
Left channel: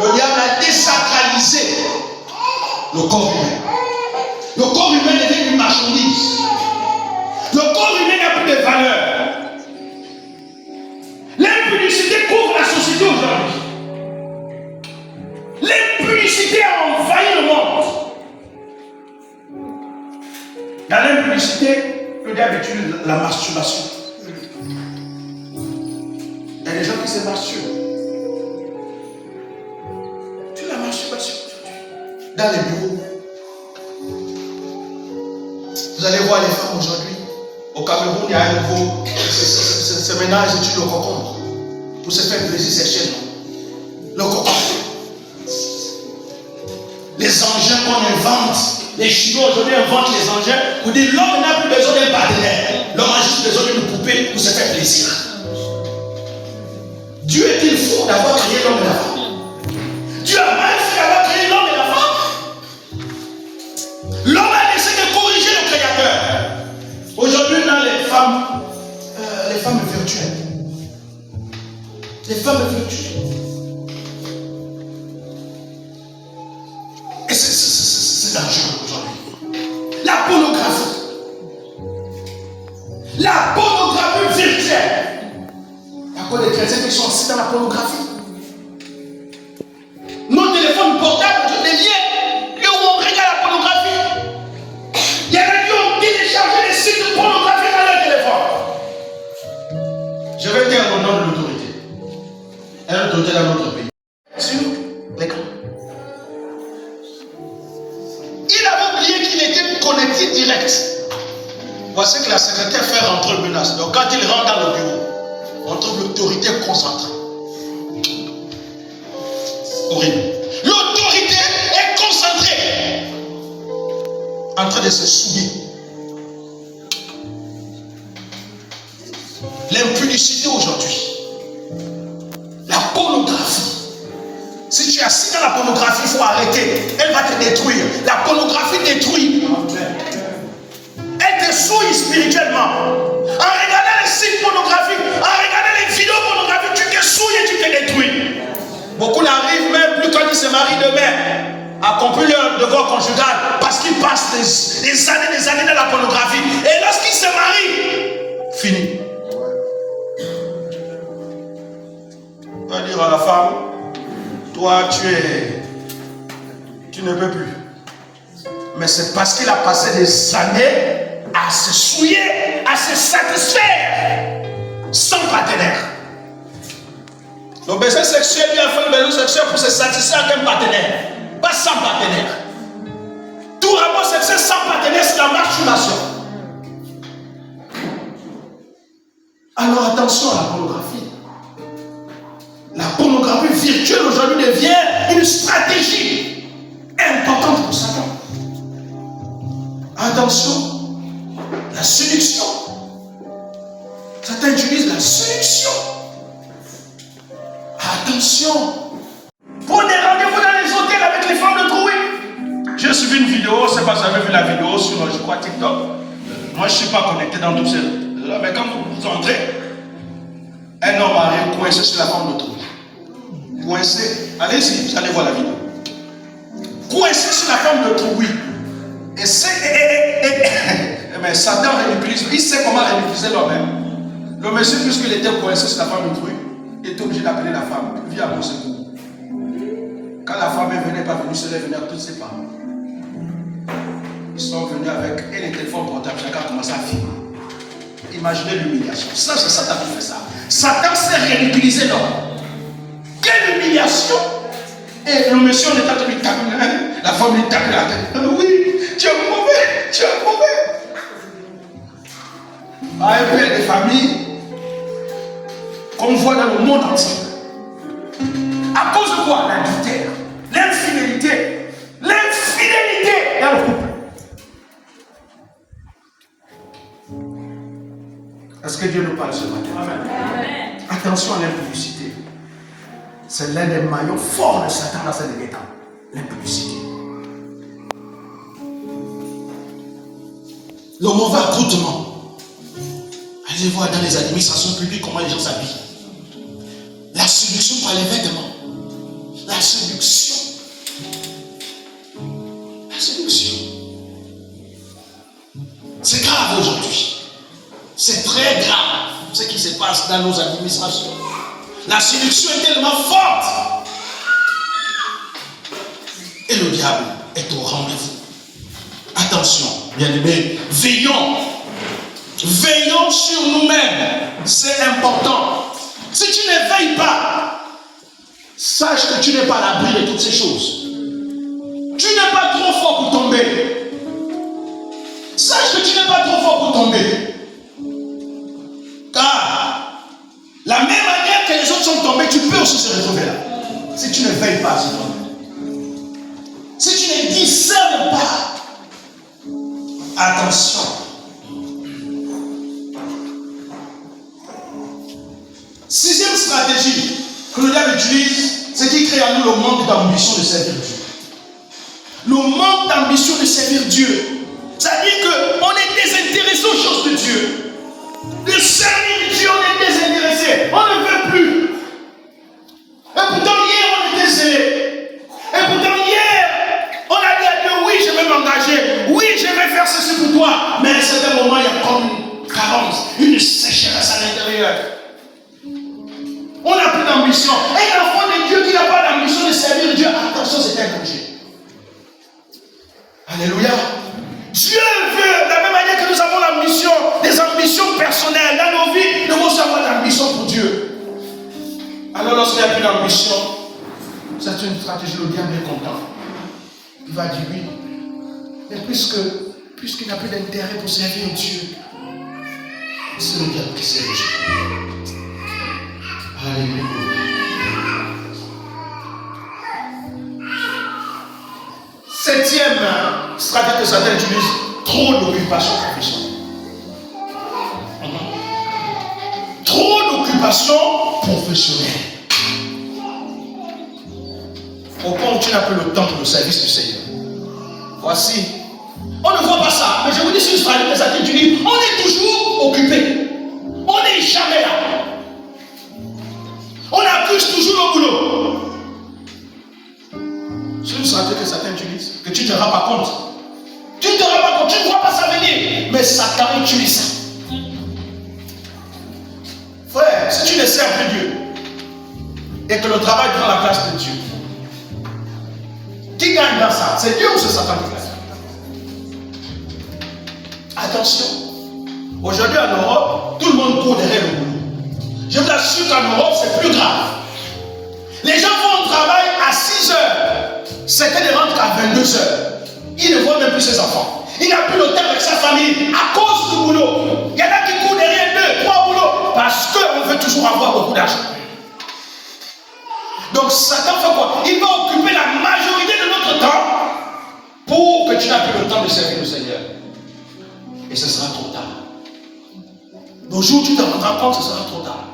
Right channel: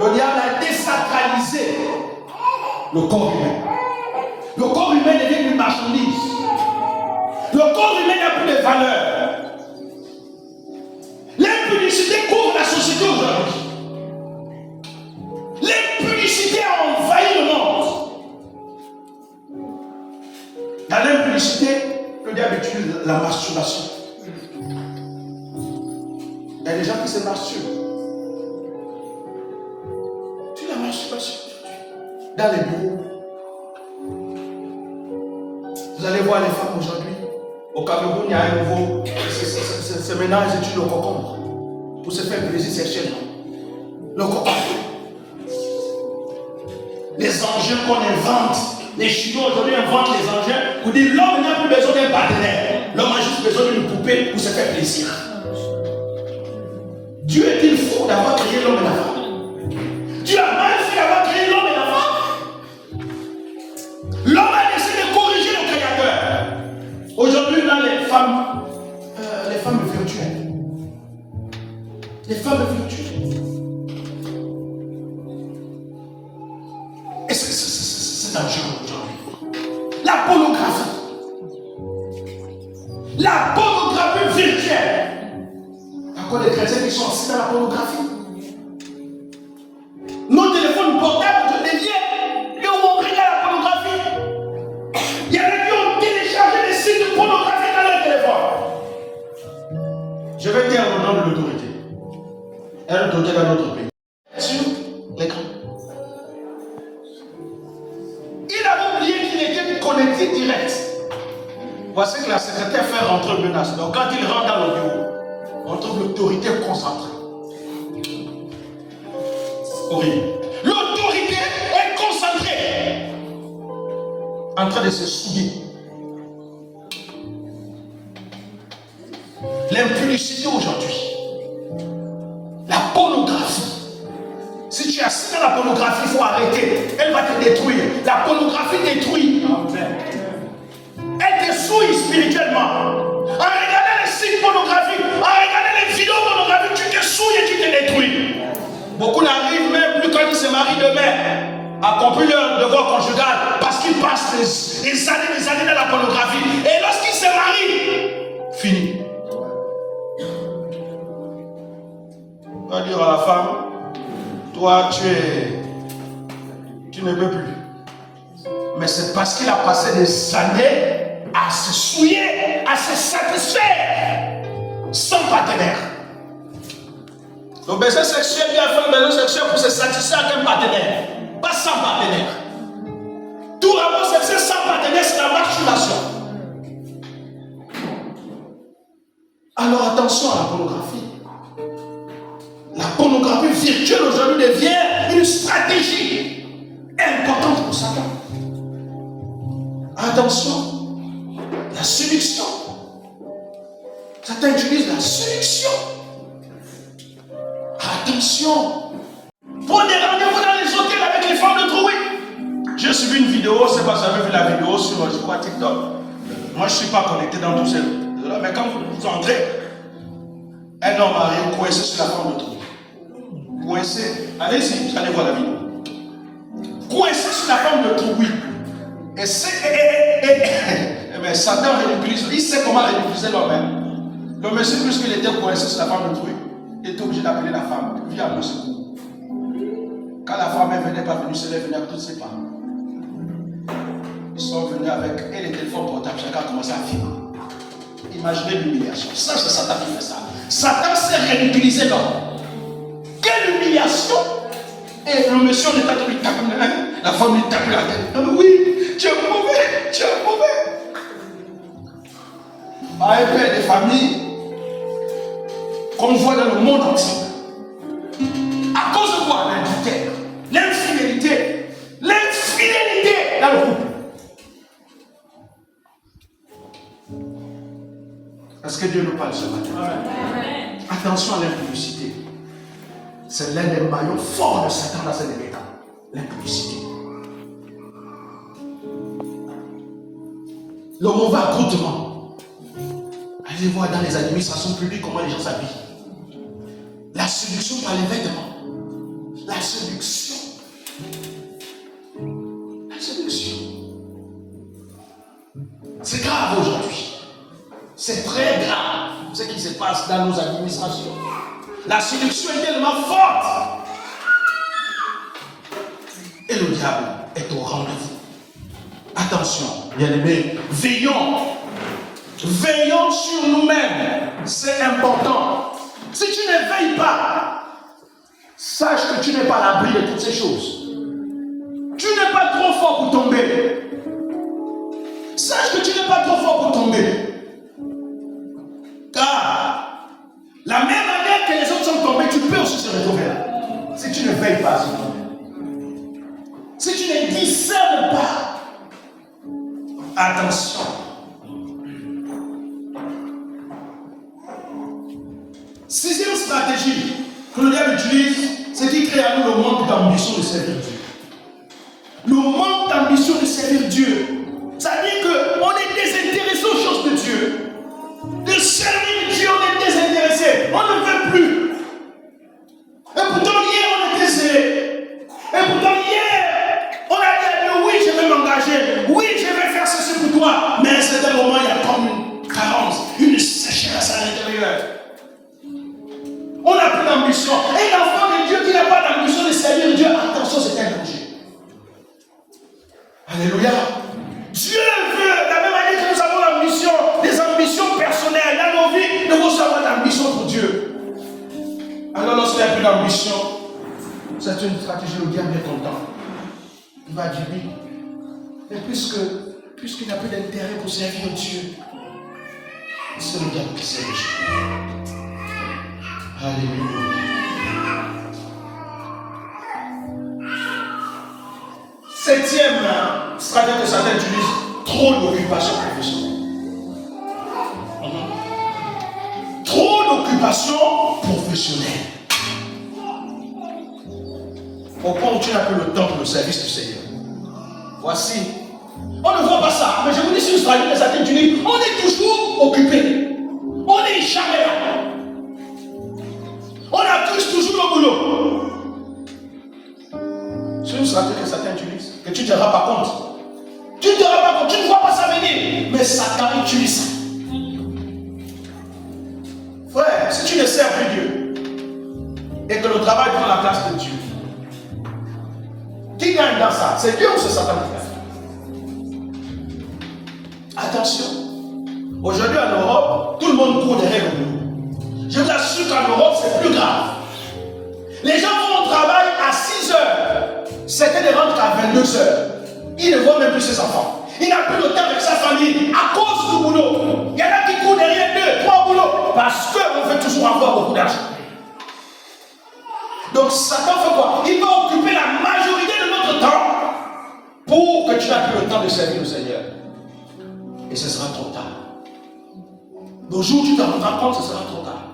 Le diable a désacralisé le corps humain. Le corps humain devient une marchandise. Le corps humain n'a plus de valeur. L'impublicité couvre la société aujourd'hui. L'impublicité a envahi le monde. Dans l'impublicité, le diable utilise la masturbation. Il y a des gens qui se masturbent. Tu la masturbation aujourd'hui. Dans les bureaux. Vous allez voir les femmes aujourd'hui au Cameroun, il y a un nouveau. C'est maintenant, ils utilisent le concombre pour se faire plaisir sexuellement. Le concombre. Les engins qu'on invente. Les Chinois aujourd'hui inventent les engins pour dire l'homme n'a plus besoin d'un partenaire. L'homme a juste besoin d'une poupée pour se faire plaisir. Dieu est-il fou d'avoir créé l'homme et la femme? Dieu a mal fait d'avoir créé l'homme et la femme. L'homme a essayé de corriger le Créateur. Aujourd'hui, dans les femmes virtuelles. Les femmes virtuelles. Et c'est dangereux aujourd'hui. La pornographie. La pornographie virtuelle. À cause des chrétiens qui sont assis dans la pornographie. Nos téléphones portables, je les liens, là où on regarde la pornographie. Il y en a qui ont téléchargé des sites de pornographie dans leur téléphone. Je vais dire au nom de l'autorité. Elle est l'autorité dans notre pays. Sur l'écran. Il avait oublié qu'il était connecté direct. Voici que la secrétaire fait rentrer une menace. Donc quand il rentre dans le bureau, on trouve l'autorité concentrée. Horrible. L'autorité est concentrée. En train de se souiller. L'impudicité aujourd'hui. La pornographie. Si tu es assis dans la pornographie, il faut arrêter. Elle va te détruire. La pornographie détruit. Elle te souille spirituellement. En regardant les sites pornographiques, en regardant les vidéos pornographiques, tu te souilles et tu te détruis. Beaucoup n'arrivent même plus quand ils se marient demain à accomplir leur devoir conjugal parce qu'ils passent des années dans la pornographie. Et lorsqu'ils se marient, fini. On va dire à la femme, toi tu ne peux plus. Mais c'est parce qu'il a passé des années à se souiller, à se satisfaire sans partenaire. Le besoin sexuel, il a fait le besoin sexuel pour se satisfaire avec un partenaire, pas sans partenaire. Tout rapport sexuel sans partenaire, c'est la masturbation. Alors attention à la pornographie. La pornographie virtuelle aujourd'hui devient une stratégie importante pour Satan. Attention, la séduction. Satan utilise la séduction. Attention. Prenez rendez-vous dans les hôtels avec les femmes de trouée. J'ai suivi une vidéo, je ne sais pas si vous avez vu la vidéo sur, je crois, TikTok. Moi, je ne suis pas connecté dans tout ça. Mais quand vous entrez, un homme arrive coincé sur la femme de trouée. Coincé. Allez-y, vous allez voir la vidéo. Coincé sur la femme de trouée. Mais Satan ridiculise. Il sait comment ridiculiser l'homme. Le monsieur, puisqu'il était coincé sur la femme de truc, il était obligé d'appeler la femme. Viens à mon secours. Quand la femme est venue, pas venue, c'est venue avec toutes ses femmes. Ils sont venus avec et les téléphones portables. Chacun a commencé à filmer. Imaginez l'humiliation. Ça, c'est Satan qui fait ça. Satan sait ridiculiser l'homme. Quelle humiliation! Et le monsieur, on est en train de lui taper. La femme lui tape la tête. Oui, tu es mauvais, tu es mauvais. Un père de famille qu'on voit dans le monde entier. À cause de quoi? L'adultère, l'infidélité, l'infidélité dans le couple. Est-ce que Dieu nous parle ce matin? Amen. Attention à l'impudicité. C'est l'un des maillons forts de Satan dans ces derniers temps. L'impudicité. Le mauvais accoutrement. Allez voir dans les administrations publiques comment les gens s'habillent. La séduction par les vêtements. La séduction. La séduction. C'est grave aujourd'hui. C'est très grave ce qui se passe dans nos administrations. La séduction est tellement forte. Et le diable est au rendez-vous. Attention, bien-aimés, veillons. Veillons sur nous-mêmes. C'est important. Si tu ne veilles pas, sache que tu n'es pas à l'abri de toutes ces choses. Tu n'es pas trop fort pour tomber. Sache que tu n'es pas trop fort pour tomber. sont tombés, tu peux aussi se retrouver là. Si tu ne veilles pas sur toi-même. Si tu ne discernes pas, attention. Sixième stratégie que le diable utilise, c'est qu'il crée à nous le manque d'ambition de servir Dieu. Le manque d'ambition de servir Dieu. C'est-à-dire qu'on est désintéressé aux choses de Dieu. De servir Dieu, on est désintéressé. On ne veut plus. Et pourtant, hier, on était zélé. Et pourtant, hier, on a dit à Dieu, oui, je vais m'engager. Oui, je vais faire ceci pour toi. Mais à un certain moment, il y a comme une carence, une sécheresse à l'intérieur. On n'a plus d'ambition. Et l'enfant de Dieu qui n'a pas d'ambition de servir Dieu, attention, c'est un danger. Alléluia. Dieu veut, de la même manière que nous avons l'ambition, des ambitions personnelles dans nos vies, nous devons avoir d'ambition pour Dieu. Alors lorsqu'il n'y a plus d'ambition, c'est une stratégie, le diable est content. Il va dire oui. Mais puisqu'il n'a plus d'intérêt pour servir Dieu, c'est le diable qui sert Dieu. Alléluia. Septième stratégie que Satan utilise, trop d'occupation professionnelle. Trop d'occupation professionnelle. Au point où tu n'as plus le temps pour le service du Seigneur. Voici. On ne voit pas ça, mais je vous dis, c'est une stratégie que Satan utilise. On est toujours occupé. On n'est jamais là. On accuse toujours le boulot. C'est une stratégie que Satan utilise, que tu ne te rends pas compte. Tu ne te rends pas compte, tu ne vois pas ça venir. Mais Satan utilise ça. Frère, si tu ne sers plus Dieu, et que le travail prend la place de Dieu, qui gagne dans ça? C'est Dieu ou c'est Satan qui gagne? Attention. Aujourd'hui en Europe, tout le monde court derrière le boulot. Je vous assure qu'en Europe, c'est plus grave. Les gens vont au travail à 6 heures. Certains ne rentrent qu'à 22 heures. Ils ne voient même plus ses enfants. Il n'a plus le temps avec sa famille à cause du boulot. Il y en a qui courent derrière 2, 3 boulots parce qu'on veut toujours avoir beaucoup d'argent. Donc Satan fait quoi? Il va occuper la majorité de notre temps pour que tu n'aies plus le temps de servir le Seigneur. Et ce sera trop tard. Le jour où tu te rendras compte, ce sera trop tard.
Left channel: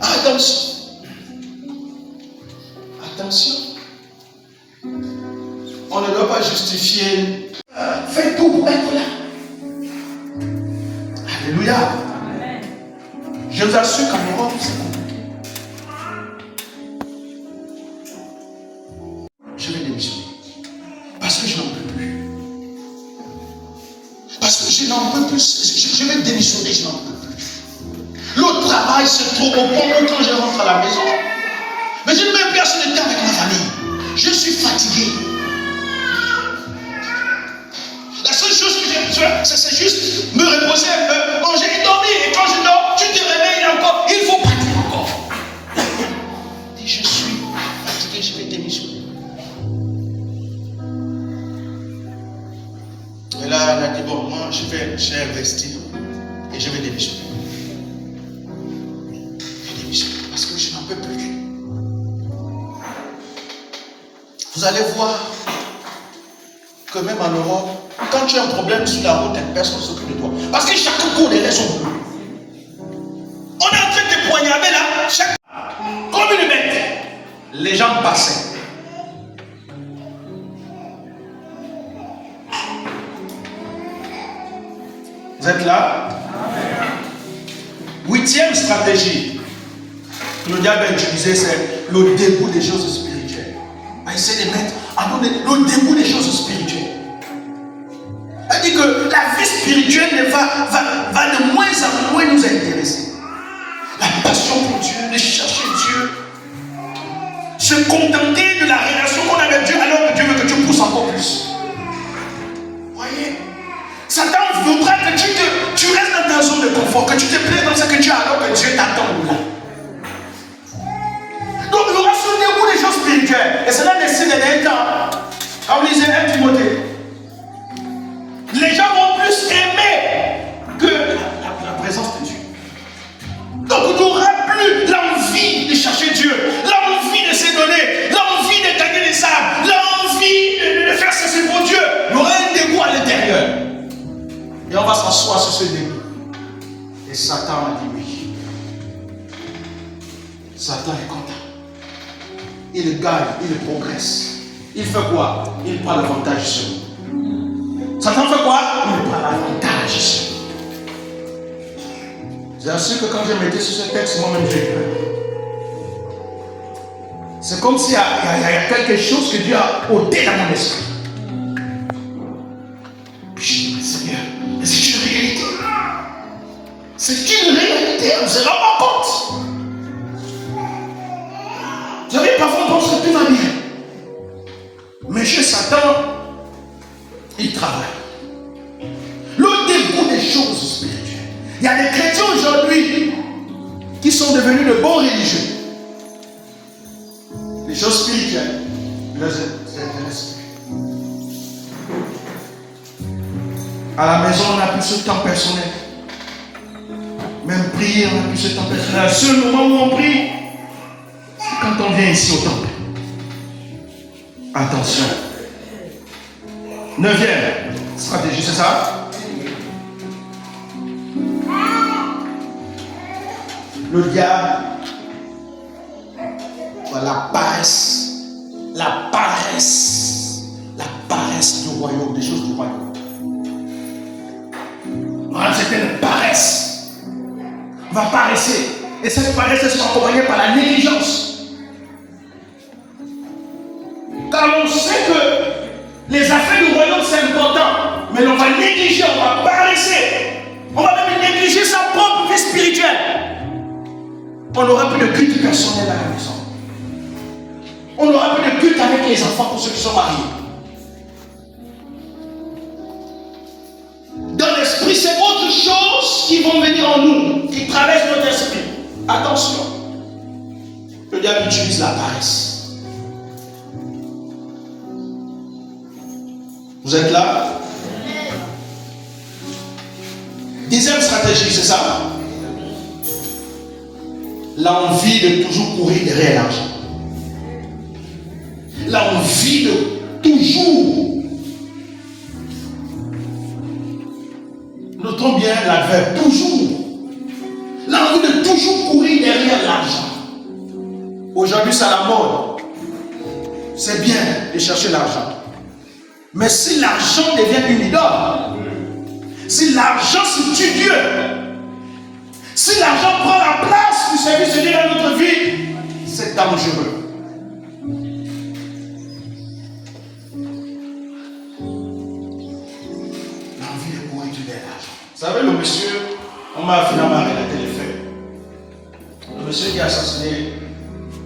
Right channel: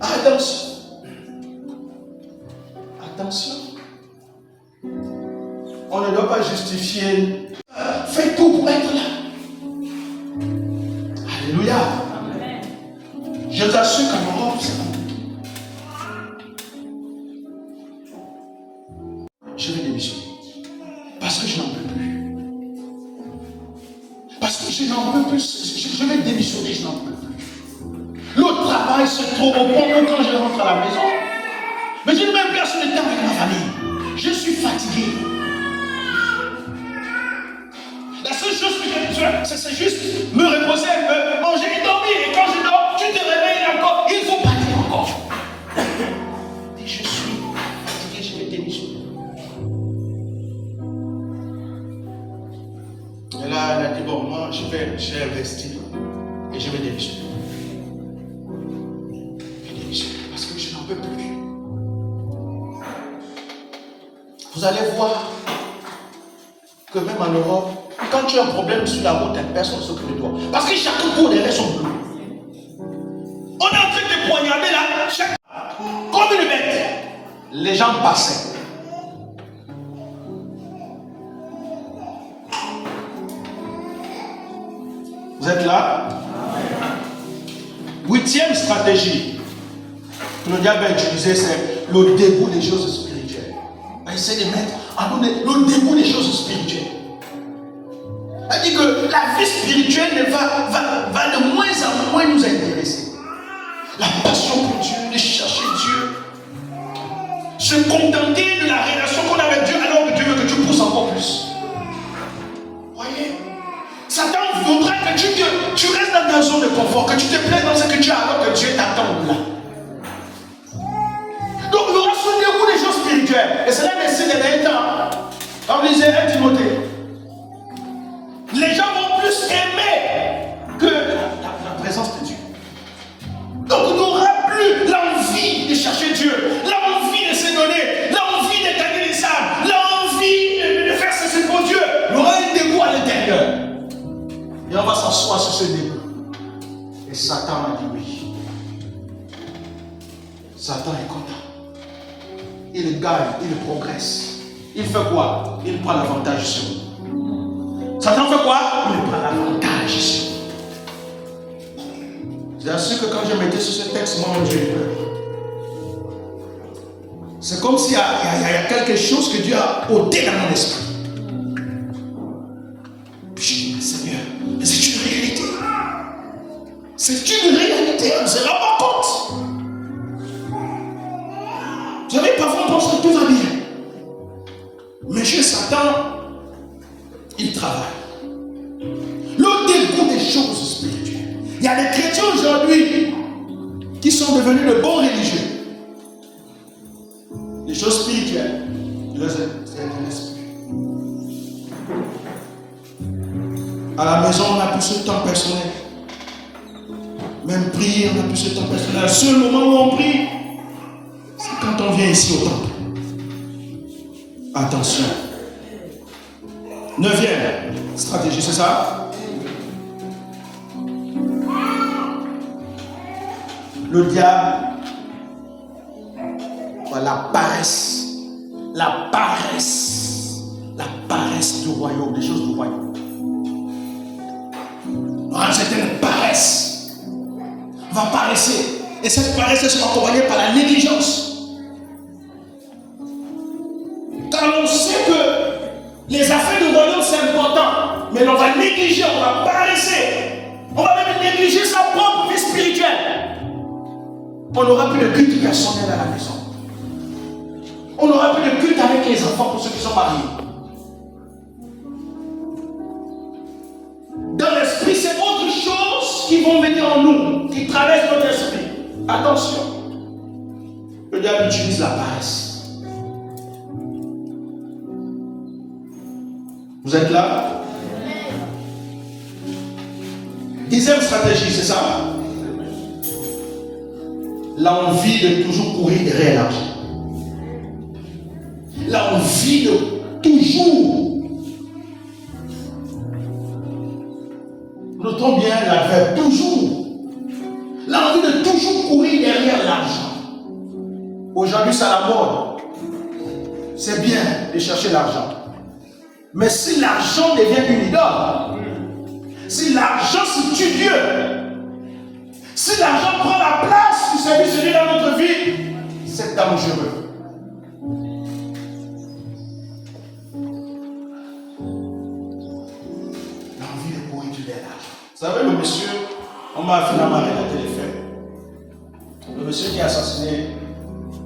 Attention. Attention. On ne doit pas justifier. Faites tout pour être là. Alléluia. Amen. Je vous assure qu'en Europe, c'est bon. Je vais démissionner. Parce que je n'en peux plus. Parce que je n'en peux plus. Je vais démissionner, je n'en peux plus. Le travail, c'est trop beau. Quand je rentre à la maison, mais je ne mets plus assez de temps avec ma famille. Je suis fatigué. La seule chose que j'ai besoin, c'est juste me reposer un peu, manger et dormir. Et quand je dors, tu te réveilles encore. Il faut partir encore. Et je suis fatigué, je vais démissionner. Et là, elle a dit, bon, moi, j'ai investi et je vais démissionner. Je vais démissionner parce que je n'en peux plus. Vous allez voir que même en Europe, quand tu as un problème sur la route, personne ne s'occupe de toi. Parce que chacun court derrière son boulot. On est en train de poignarder là, comme une bête. Les gens passaient. Vous êtes là? Huitième stratégie que le diable a utilisée, c'est le dégoût des choses spirituelles. On va essayer de mettre à donner le dégoût des choses spirituelles. Elle dit que la vie spirituelle va de moins en moins nous intéresser. La passion pour Dieu, de chercher Dieu, se contenter de la relation qu'on a avec Dieu, alors que Dieu veut que tu pousses encore plus. Voyez, Satan voudra que tu restes dans ta zone de confort, que tu te plaies dans ce que tu as, alors que Dieu t'attend là. Donc il y aura ce dégoût des choses spirituelles. Et cela décide d'un temps. Comme disait 1 Timothée. Les gens vont plus aimer que la présence de Dieu. Donc il n'y aura plus l'envie Satan est content. Il gagne, il progresse. Il fait quoi? Il prend l'avantage sur nous. Satan fait quoi? Il prend l'avantage sur nous. C'est ainsi que quand je mettais sur ce texte, moi-même je dirais. C'est comme s'il y a quelque chose que Dieu a ôté dans mon esprit. Je dis, Seigneur, mais c'est une réalité. C'est une réalité, on ne se rend pas compte. Vous savez, parfois on pense que tout va bien. Mais chez Satan, il travaille. Le dégoût des choses spirituelles. Il y a des chrétiens aujourd'hui qui sont devenus de bons religieux. Les choses spirituelles ne les intéressent plus. À la maison, on n'a plus ce temps personnel. Même prier, on n'a plus ce temps personnel. Le seul moment où on prie, c'est quand on vient ici au temple. Attention. 9e stratégie, c'est ça? Le diable, la paresse. La paresse. La paresse du royaume, des choses du royaume. C'est une paresse. On va paresser. Et cette paresse sera accompagnée par la négligence. Car on sait que les affaires du royaume c'est important, mais on va négliger, on va paresser. On va même négliger sa propre vie spirituelle. On n'aura plus de culte personnel à la maison. On n'aura plus de culte avec les enfants pour ceux qui sont mariés. Dans l'esprit, c'est autre chose qui vont venir en nous, qui traverse notre esprit. Attention. Le diable utilise la paresse. Vous êtes là? 10e stratégie, c'est ça? L'envie de toujours courir derrière l'argent. L'envie de toujours. Notons bien l'adverbe toujours. L'envie de toujours courir derrière l'argent. Aujourd'hui, c'est à la mode. C'est bien de chercher l'argent. Mais si l'argent devient une idole, si l'argent se tue Dieu, si l'argent prend la place du service de Dieu dans notre vie, c'est dangereux. L'envie de courir derrière l'argent. Vous savez, le monsieur, on m'a finalement arrêté de faire. Le monsieur qui a assassiné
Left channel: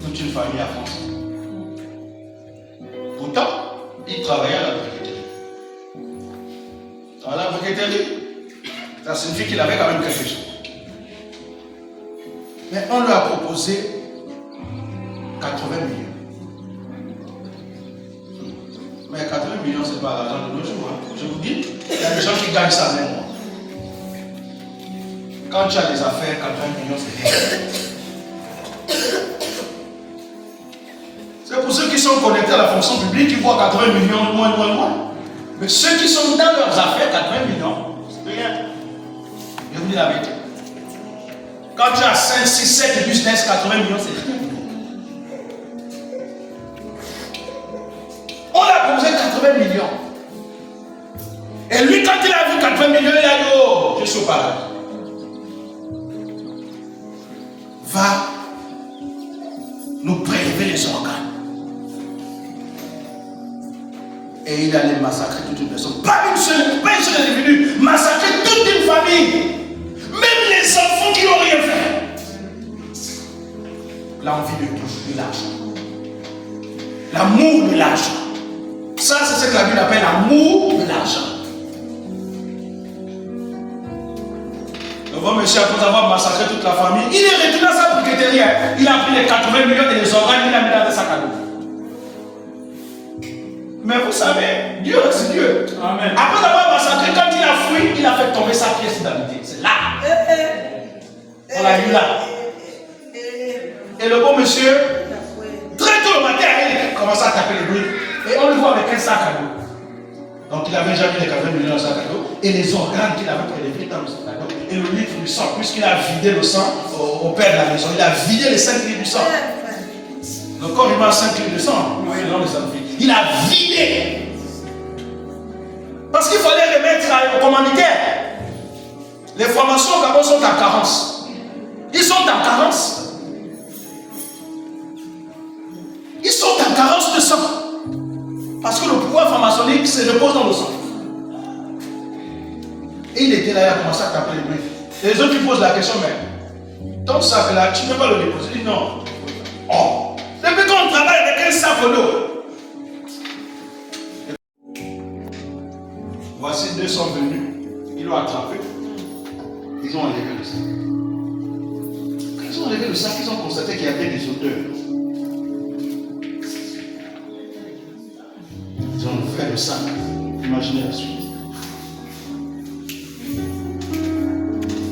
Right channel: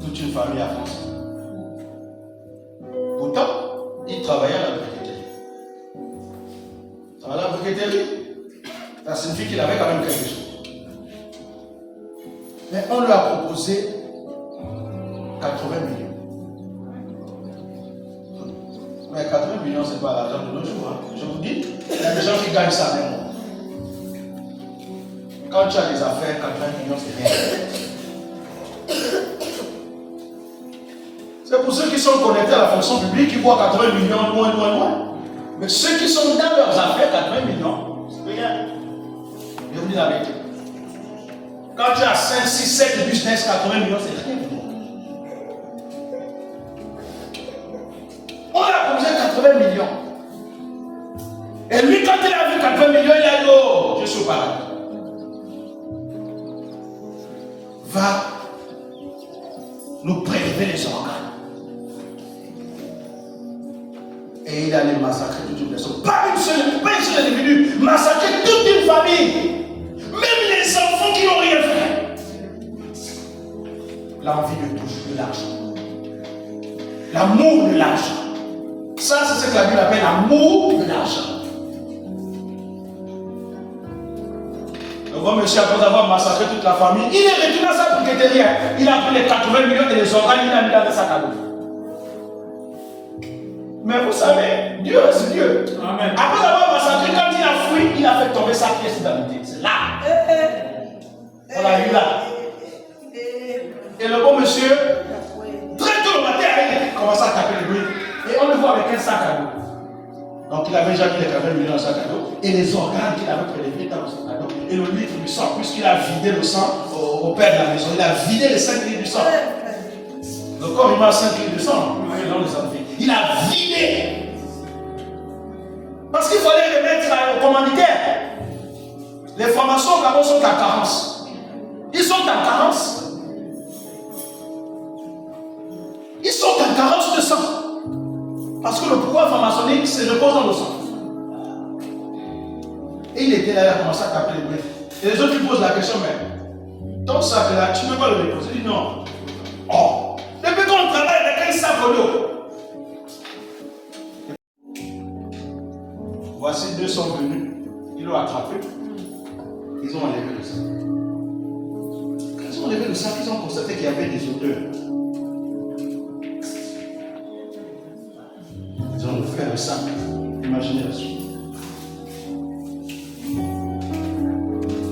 toute une famille à France. Pourtant, il travaillait à la briqueterie. Dans la briqueterie, ça signifie qu'il avait quand même quelque chose. Mais on lui a proposé 80 millions. Mais 80 millions, ce n'est pas l'argent de nos jours. Hein. Je vous dis, il y a des gens qui gagnent ça même. Quand tu as des affaires, 80 millions, c'est rien. C'est pour ceux qui sont connectés à la fonction publique qui voient 80 millions loin. Mais ceux qui sont dans leurs affaires, 80 millions, c'est rien. Je vous dis la vérité. Quand tu as 5, 6, 7 business, 80 millions, c'est rien. On a proposé 80 millions. Et lui, quand il a vu 80 millions, il a dit, oh, je suis au paradis. Va nous prélever les organes. Et il allait massacrer toute une personne. Pas une seule individu. Massacrer toute une famille. Même les enfants qui n'ont rien fait. L'envie de l'argent. L'amour de l'argent. Ça, c'est ce que la Bible appelle l'amour de l'argent. Le bon monsieur, après avoir massacré toute la famille, il est retourné à sa briqueterie. Il a pris les 80 millions et les organes, il a mis dans le sac à dos. Mais vous savez, Dieu reste Dieu. Amen. Après avoir massacré, quand il a fui, il a fait tomber sa pièce d'identité. C'est là. On l'a vu là. Et le bon monsieur, très tôt le matin, il commence à taper les bruits. Et on le voit avec un sac à dos. Donc il avait déjà mis les 80 millions dans le sac à dos. Et les organes qu'il avait prélevés dans le sac à dos. et le litre du sang, puisqu'il a vidé le sang au père de la maison. Il a vidé les 5 litres du sang. Le corps humain a 5 litres de sang. Il a vidé. Parce qu'il fallait remettre au commanditaire. Les formations au Gabon sont en carence. Ils sont en carence. Ils sont en carence de sang. Parce que le pouvoir pharmaceutique se repose dans le sang. Et il était là, il a commencé à taper les bruits. Et les autres lui posent la question, mais ton sac là, tu ne peux pas le déposer? Il dit non. Oh, depuis qu'on travaille avec un sac d'eau. Voici 2 sont venus. Ils l'ont attrapé. Ils ont enlevé le sac. Quand ils ont enlevé le sac, ils ont constaté qu'il y avait des odeurs. Ils ont ouvert le sac. Imaginez la suite.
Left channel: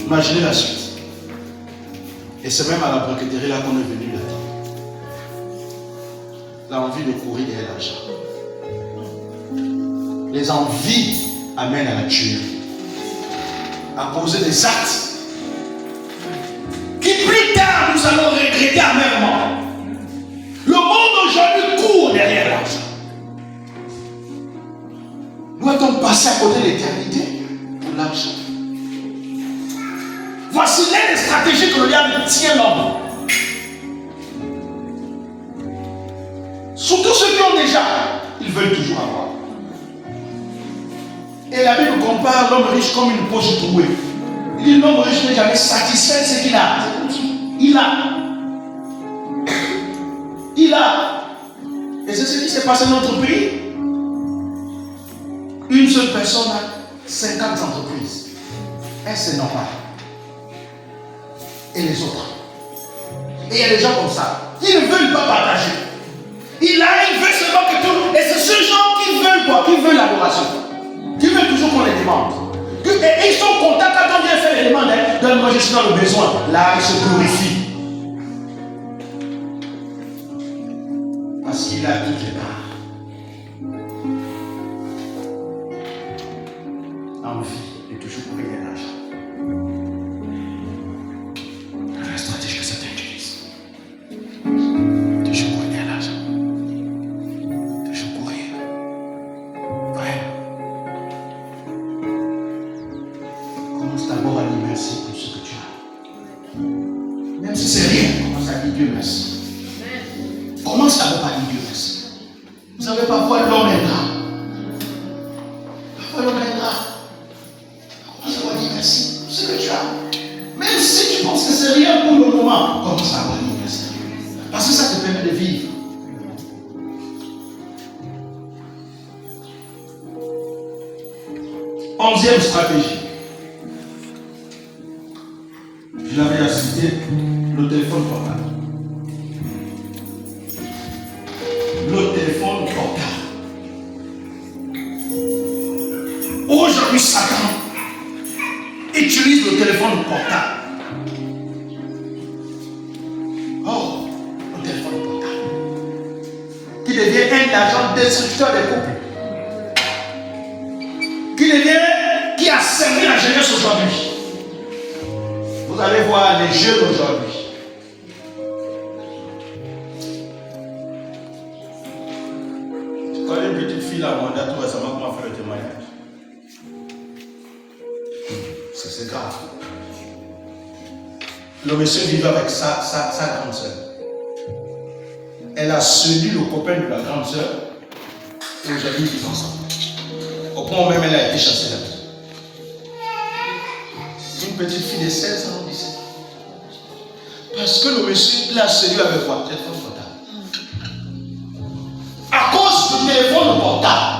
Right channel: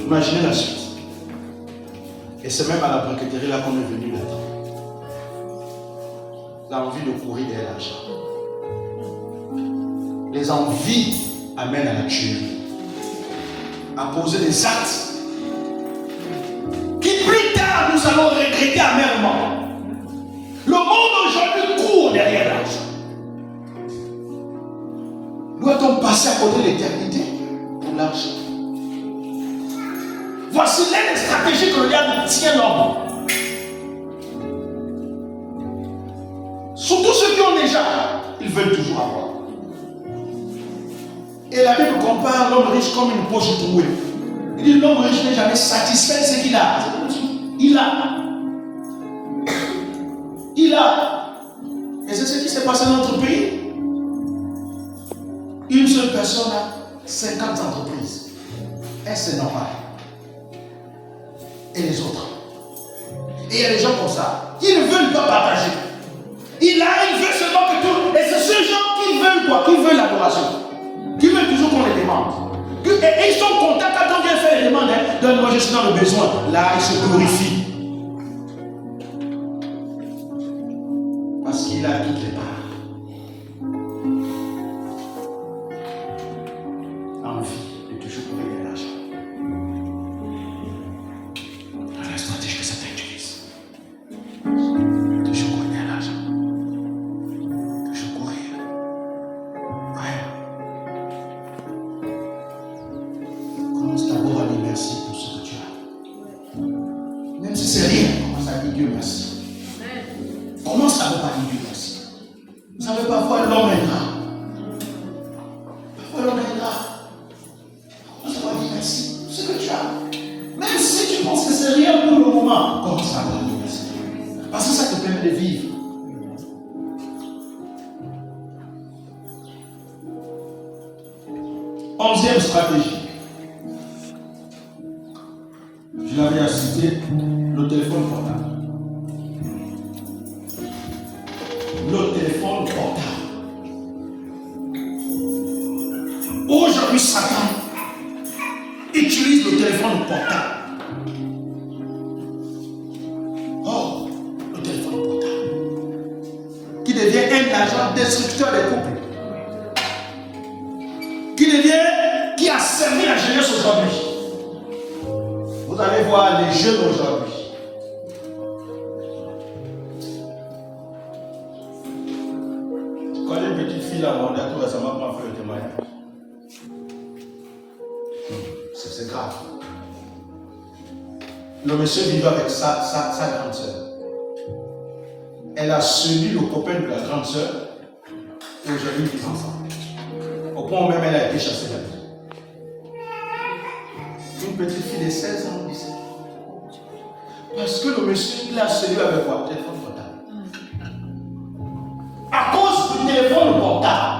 Imaginez la suite. Et c'est même à la banqueterie là qu'on est venu là-dedans. L'envie de courir derrière l'argent. Les envies amènent à la tuerie. À poser des actes qui plus tard nous allons regretter amèrement. Le monde aujourd'hui court derrière l'argent. Doit-on passer à côté de l'éternité pour l'argent? Voici l'une des stratégies que le diable tient l'homme. Surtout ceux qui ont déjà, ils veulent toujours avoir. Et la Bible compare l'homme riche comme une poche trouée. Il dit l'homme riche n'est jamais satisfait de ce qu'il a. Il a. Il a. Et c'est ce qui s'est passé dans notre pays. Une seule personne a 50 entreprises. Et c'est normal. Et les autres. Et il y a des gens comme ça. Ils ne veulent pas partager. Il veut seulement que tout. Et c'est ce genre qui veulent quoi? Qui veulent l'adoration. Qui veulent toujours qu'on les demande. Et ils sont contents quand on vient faire les demandes. Donne-moi, je suis dans le besoin. Là, ils se glorifient. Parce qu'il a toutes les parts. Envie de toujours payer l'argent. Dans la stratégie que ça utilise. Toujours courir l'argent. Toujours courir. Frère. Commence d'abord à dire merci pour ce que tu as. Même si c'est rien, commence à dire Dieu merci. Commence d'abord par dire Dieu merci. Vous savez, parfois l'homme est ingrat. Parfois l'homme est ingrat. Commence à dire merci pour ce que tu as. Même si tu penses que c'est rien pour le moment, commence à dire merci. Parce que ça te permet de vivre. Onzième stratégie. Je l'avais cité, le téléphone portable. Le téléphone portable. Aujourd'hui, Satan utilise le téléphone portable. Oh, le téléphone portable. Qui devient un agent destructeur des couples. Qui a servi la jeunesse aujourd'hui. Vous allez voir les jeunes aujourd'hui. Je connais une petite fille à Rwanda tout récemment qui m'a fait le témoignage. C'est grave. Le monsieur vivait avec sa grande soeur. Elle a séduit le copain de la grande soeur et aujourd'hui ils vivent ensemble. Au point où même elle a été chassée de la maison. Une petite fille de 16 ans, 17 ans. Parce que le monsieur l'a séduit avec quoi? Téléphone portable. À cause du téléphone portable,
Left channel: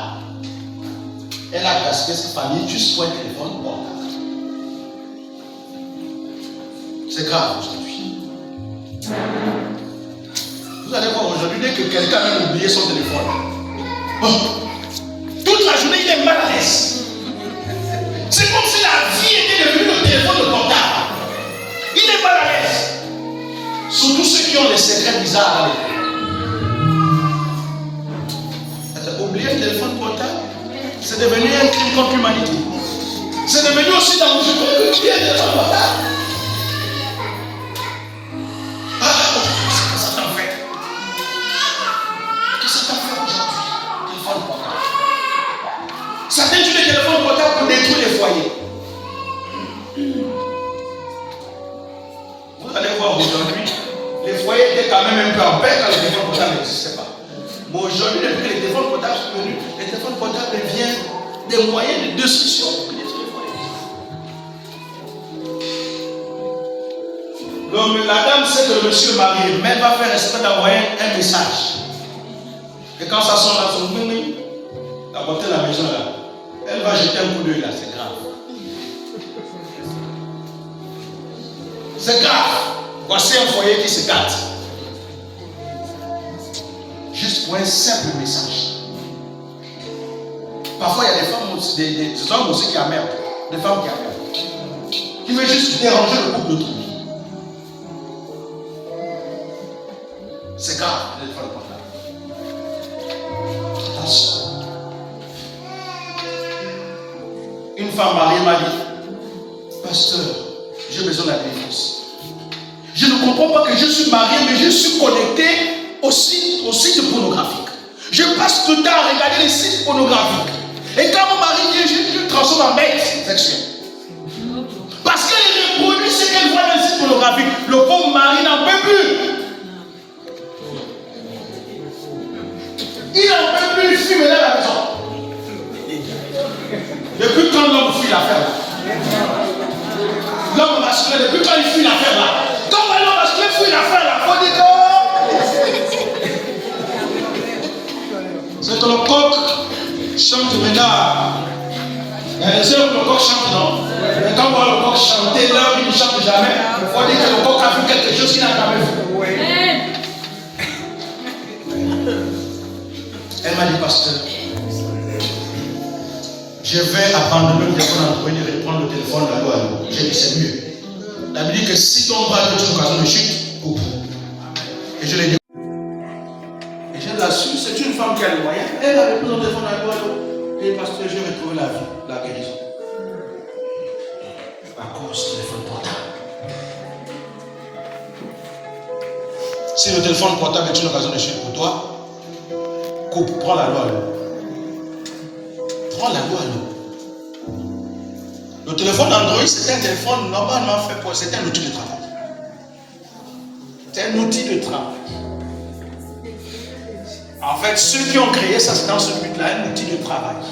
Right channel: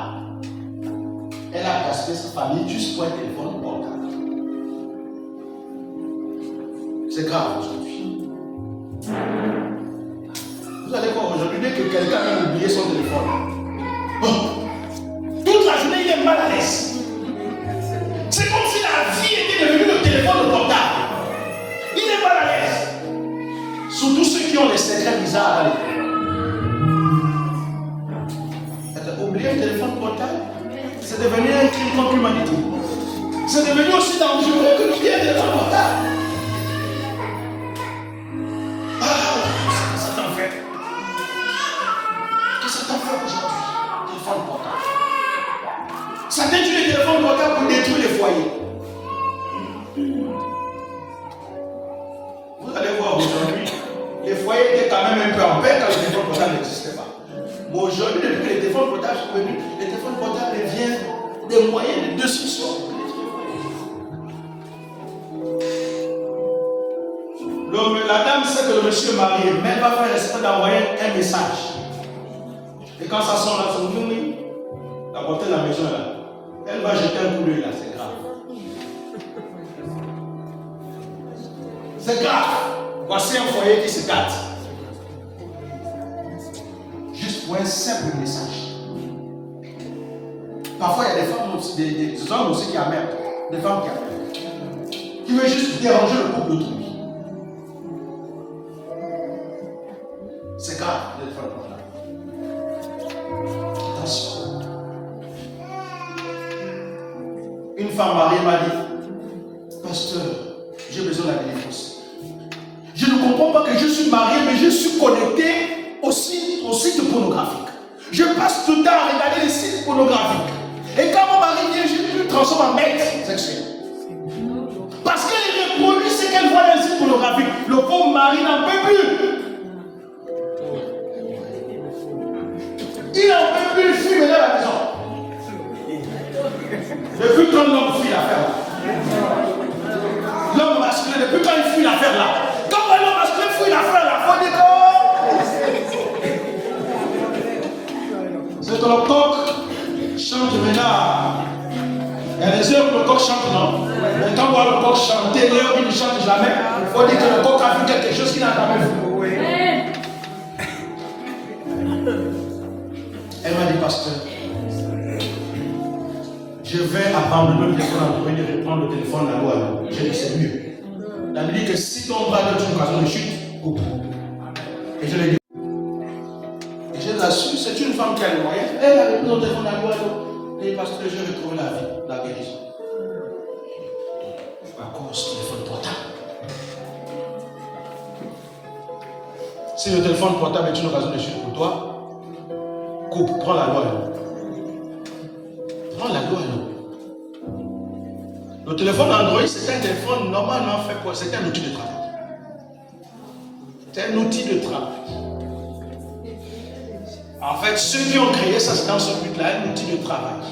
elle a casqué sa famille juste pour un téléphone portable. C'est grave aujourd'hui. Vous allez voir aujourd'hui, dès que quelqu'un a même oublié son téléphone, toute la journée il est mal à l'aise. C'est comme si la vie était devenue le téléphone portable. Il est mal à l'aise. Surtout ceux qui ont les secrets bizarres dans les. Oublier un téléphone portable, c'est devenu un crime contre l'humanité. C'est devenu aussi dangereux que le téléphone portable. Ah, qu'est-ce que ça t'en fait? Qu'est-ce que ça t'en fait aujourd'hui? Téléphone portable. Certains utilisent les téléphones portables pour détruire les foyers. Vous allez voir aujourd'hui, les foyers étaient quand même un peu en paix quand le téléphone portable n'existait pas. Mais aujourd'hui, depuis que les téléphones portables sont venus, les téléphones portables deviennent des moyens de destruction pour détruire les foyers. La dame sait que le monsieur est marié, mais elle va faire exprès d'envoyer un message. Et quand ça sonne là, son mimi, la portée de la maison là, elle va jeter un coup d'œil là, c'est grave. C'est grave. Voici un foyer qui se gâte. Juste pour un simple message. Parfois, il y a des femmes aussi, des hommes aussi qui amènent. Des femmes qui amènent. Qui veulent juste déranger le couple d'autrui. C'est grave, le téléphone portable. Attention. Une femme mariée m'a dit, pasteur, j'ai besoin de la délivrance. Je ne comprends pas que je suis marié, mais je suis connecté au site pornographique. Je passe tout le temps à regarder les sites pornographiques. Et quand mon mari vient, je le transforme en bête sexuelle. Parce qu'elle reproduit ce qu'elle voit dans les sites pornographiques. Le pauvre mari n'en peut plus. Il n'en peut plus, il fuit maintenant à la maison. Depuis quand l'homme fuit l'affaire? L'homme masculin, depuis quand il fuit l'affaire là? Quand l'homme masculin fuit l'affaire là, il faut dire que c'est que le coq chante maintenant. Il y a des heures où le coq chante, non? Mais quand on voit le coq chanter, l'heure il ne chante jamais, il faut dire que le coq a vu quelque chose qu'il n'a jamais vu. Elle m'a dit, pasteur, je vais abandonner le téléphone Android et reprendre le téléphone allô allô. J'ai dit, c'est mieux. La Bible dit que si ton va être une occasion de chute, coupe. Et je l'ai dit. Et je l'assure, c'est une femme qui a les moyens. Elle a repris son téléphone allô allô. Et pasteur, je vais retrouver la vie, la guérison. À cause du téléphone portable. Si le téléphone portable est une occasion de chute pour toi, coupe, prends la loi à l'eau. Prends la loi à l'eau. Le téléphone Android, c'est un téléphone normalement fait pour. C'est un outil de travail. C'est un outil de travail. En fait, ceux qui ont créé ça, c'est dans ce but-là, un outil de travail.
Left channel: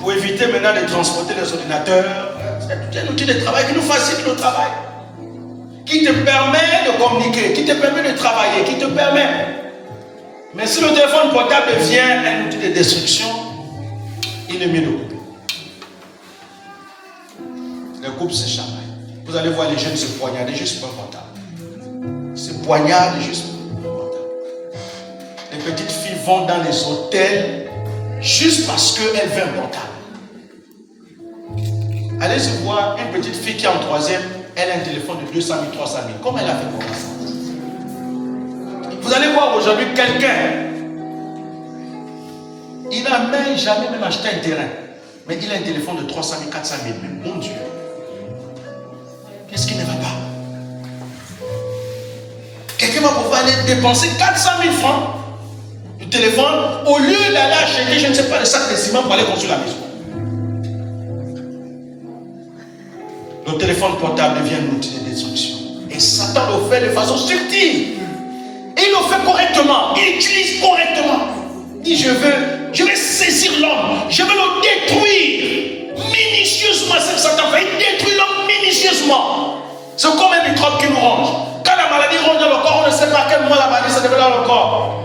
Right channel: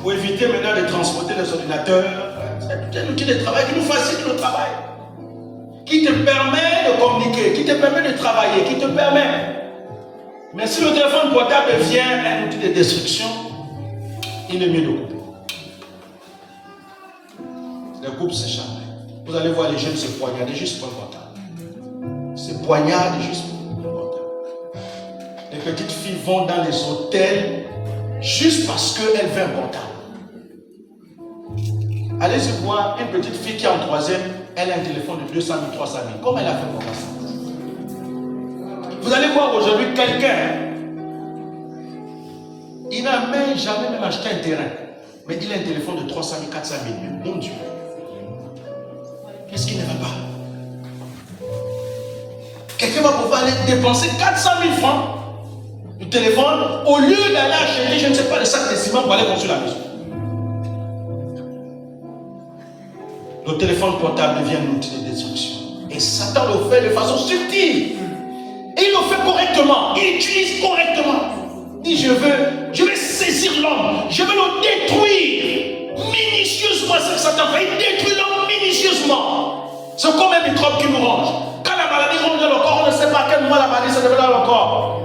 Pour éviter maintenant de transporter les ordinateurs, c'est un outil de travail qui nous facilite le travail. Qui te permet de communiquer, qui te permet de travailler, qui te permet. Mais si le téléphone portable devient un outil de destruction, il est mieux de couper. Les couples se chamaillent. Vous allez voir les jeunes se poignarder juste pour un portable. Se poignardent juste pour un portable. Les petites filles vont dans les hôtels juste parce qu'elles veulent un portable. Allez-y voir une petite fille qui est en troisième, elle a un téléphone de 200 000, 300 000. Comment elle a fait pour ça? Vous allez voir aujourd'hui quelqu'un, il n'a même jamais même acheté un terrain, mais il a un téléphone de 300 000, 400 000. Mais mon Dieu, qu'est-ce qui ne va pas? Quelqu'un va pouvoir aller dépenser 400 000 francs du téléphone au lieu d'aller acheter, je ne sais pas, des sacs de ciment pour aller construire la maison. Le téléphone portable devient un outil de destruction. Et Satan le fait de façon subtile. Et il le fait correctement. Il utilise correctement. Il dit, je vais saisir l'homme. Je vais le détruire minutieusement. C'est ce que Satan fait. Il détruit l'homme minutieusement. C'est comme un microbe qui nous ronge. Quand la maladie ronge dans le corps, on ne sait pas à quel moment la maladie se développe dans le corps.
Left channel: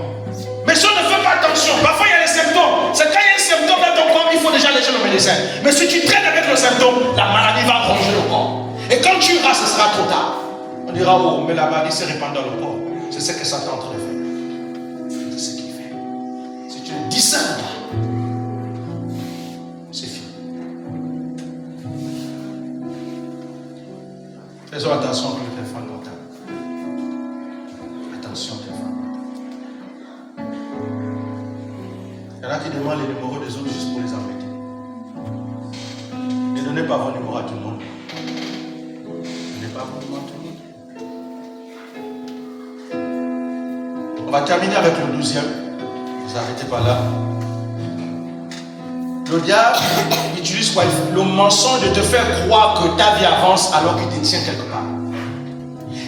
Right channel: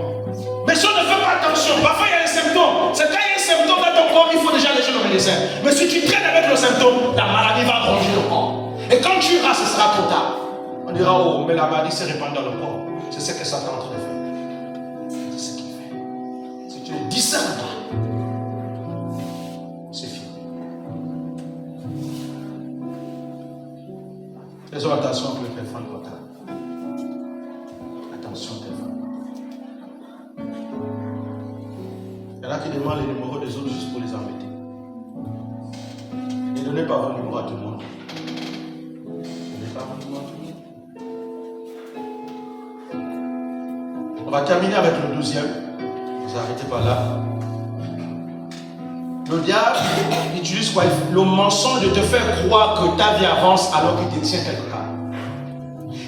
Mais si on ne fait pas attention, parfois il y a des symptômes. C'est quand il y a un symptôme dans ton corps, il faut déjà aller chez le médecin. Mais si tu traînes avec le symptôme, la maladie va ronger le corps. Et quand tu iras, ce sera trop tard. On dira, oh, mais la maladie se répand dans le corps. C'est ce que Satan est en train de faire. C'est ce qu'il fait. Si tu ne discernes pas, c'est fini. Faisons attention pour le téléphone portable. Attention au téléphone portable. Il y en a qui demandent les numéros des autres juste pour les embêter. On va terminer avec le 12e. Vous arrêtez pas là. Le diable utilise quoi? Le mensonge de te faire croire que ta vie avance alors qu'il te tient quelque part.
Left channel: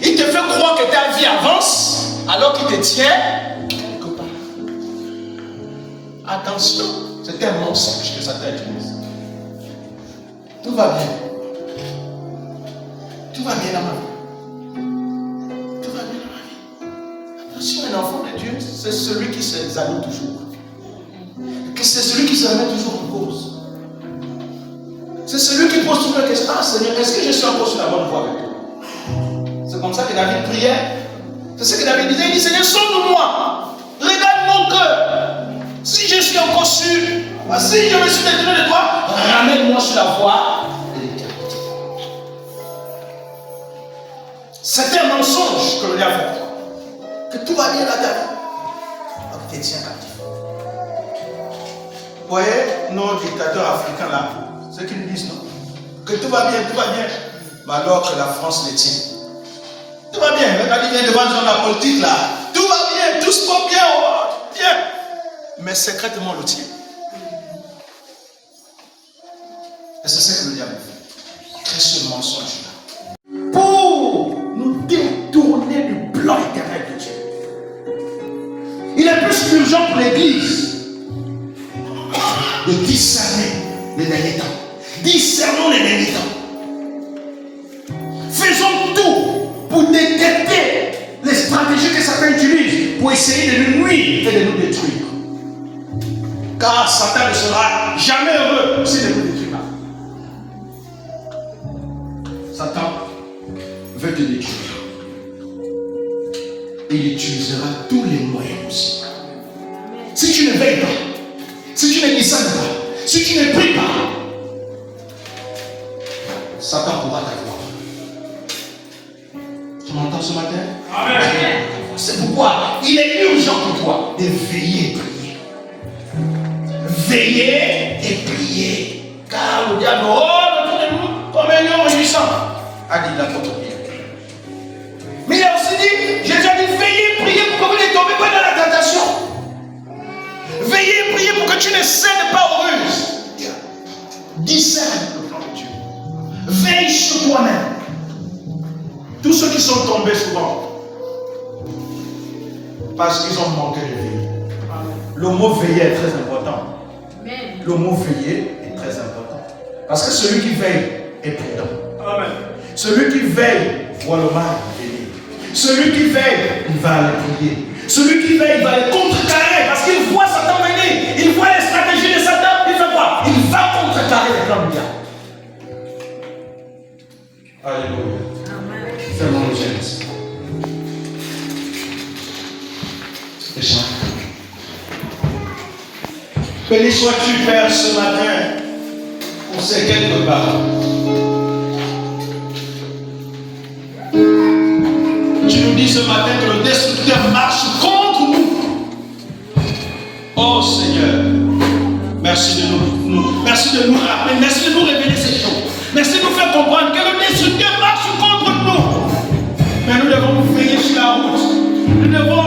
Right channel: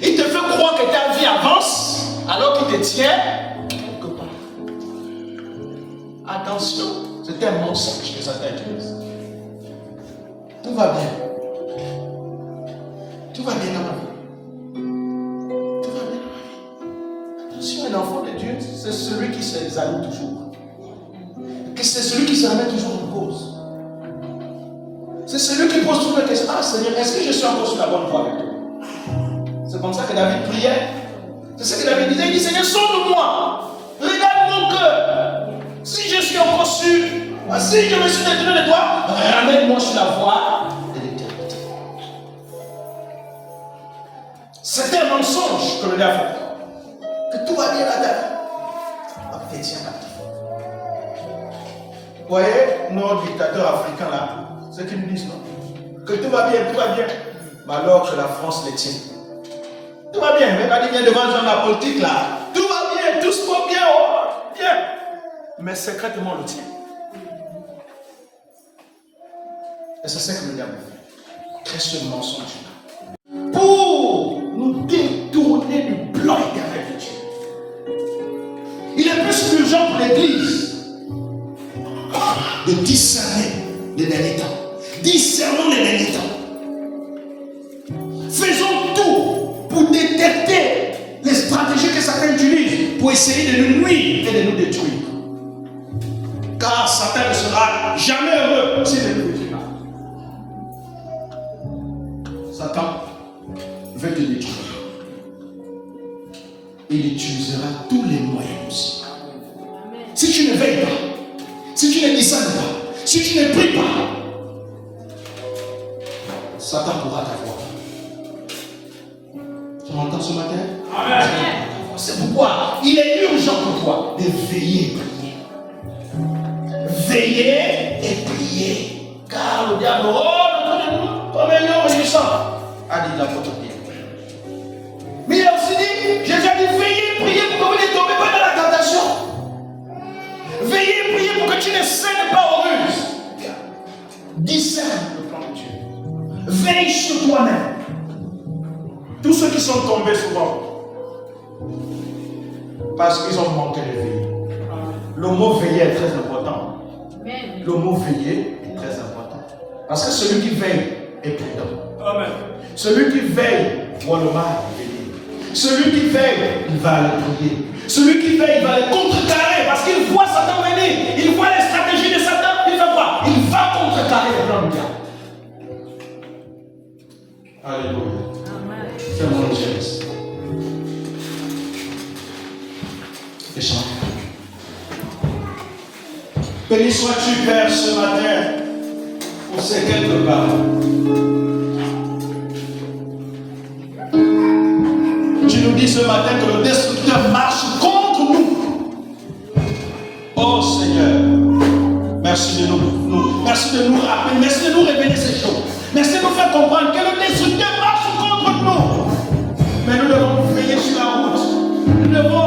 Il te fait croire que ta vie avance alors qu'il te tient quelque part. Attention, c'est un mensonge que Satan utilise. Tout va bien. Tout va bien dans ma vie. Tout va bien dans ma vie. Attention, un enfant de Dieu, c'est celui qui s'examine toujours. C'est celui qui se remet toujours en cause. C'est celui qui pose toujours la question: ah Seigneur, est-ce que je suis encore sur la bonne voie avec toi? C'est comme ça que David priait. C'est ce que David disait. Il dit: Seigneur, sonde-moi. Regarde mon cœur. Si je suis encore sûr, si je me suis détourné de toi, ramène-moi sur la voie de l'éternité. C'est un mensonge que le diable fait. Que tout va bien là-dedans. Tu te tiens captif. Vous voyez, nos dictateurs africains là, ce qu'ils nous disent, non? Que tout va bien, mais alors que la France les tient. Tout va bien, regardez bien devant la politique là. Tout va bien, tout se passe bien, oh, bien. Mais secrètement on le tient. Et c'est ça que le diable fait. Crée ce mensonge là. Pour nous détourner du plan éternel de Dieu. Il est plus urgent pour l'Église de discerner les derniers temps. Discernons les derniers temps. Faisons tout pour détecter les stratégies que Satan utilise pour essayer de nous nuire et de nous détruire. Car Satan ne sera jamais heureux s'il ne nous détruit pas. Satan veut te détruire. Il utilisera tous les moyens possibles. Si tu ne veilles pas, si tu ne discernes pas, si tu ne pries pas, Satan pourra t'avoir. Tu m'entends ce matin? Amen. C'est pourquoi il est urgent pour toi de veiller et prier. Veiller et prier. Car le diable, autour de nous, comme un lion réjouissant, a dit l'apôtre Pierre. Mais il a aussi dit, Jésus a dit, veillez et priez pour que vous ne tombez pas dans la tentation. Veillez et priez pour que tu ne cèdes pas aux ruses. Discerne le plan de Dieu. Veille sur toi-même. Tous ceux qui sont tombés souvent, parce qu'ils ont manqué de veille. Le mot veiller est très important. Le mot veiller est très important. Parce que celui qui veille est prudent. Amen. Celui qui veille voit le mal venir. Celui qui veille, il va aller prier. Celui qui veille, il va les contrecarrer parce qu'il voit Satan venir. Il voit les stratégies de Satan. Il fait quoi? Il va contrecarrer les plans du diable. Alléluia. C'est mon Genèse. Et chante. Béni sois-tu, Père, ce matin, pour ces quelques paroles. Tu nous dis ce matin que le destructeur marche contre nous. Oh Seigneur, merci de nous rappeler, merci de nous révéler ces choses. Merci de nous faire comprendre que le destructeur marche contre nous. Mais nous devons nous veiller sur la route. Nous devons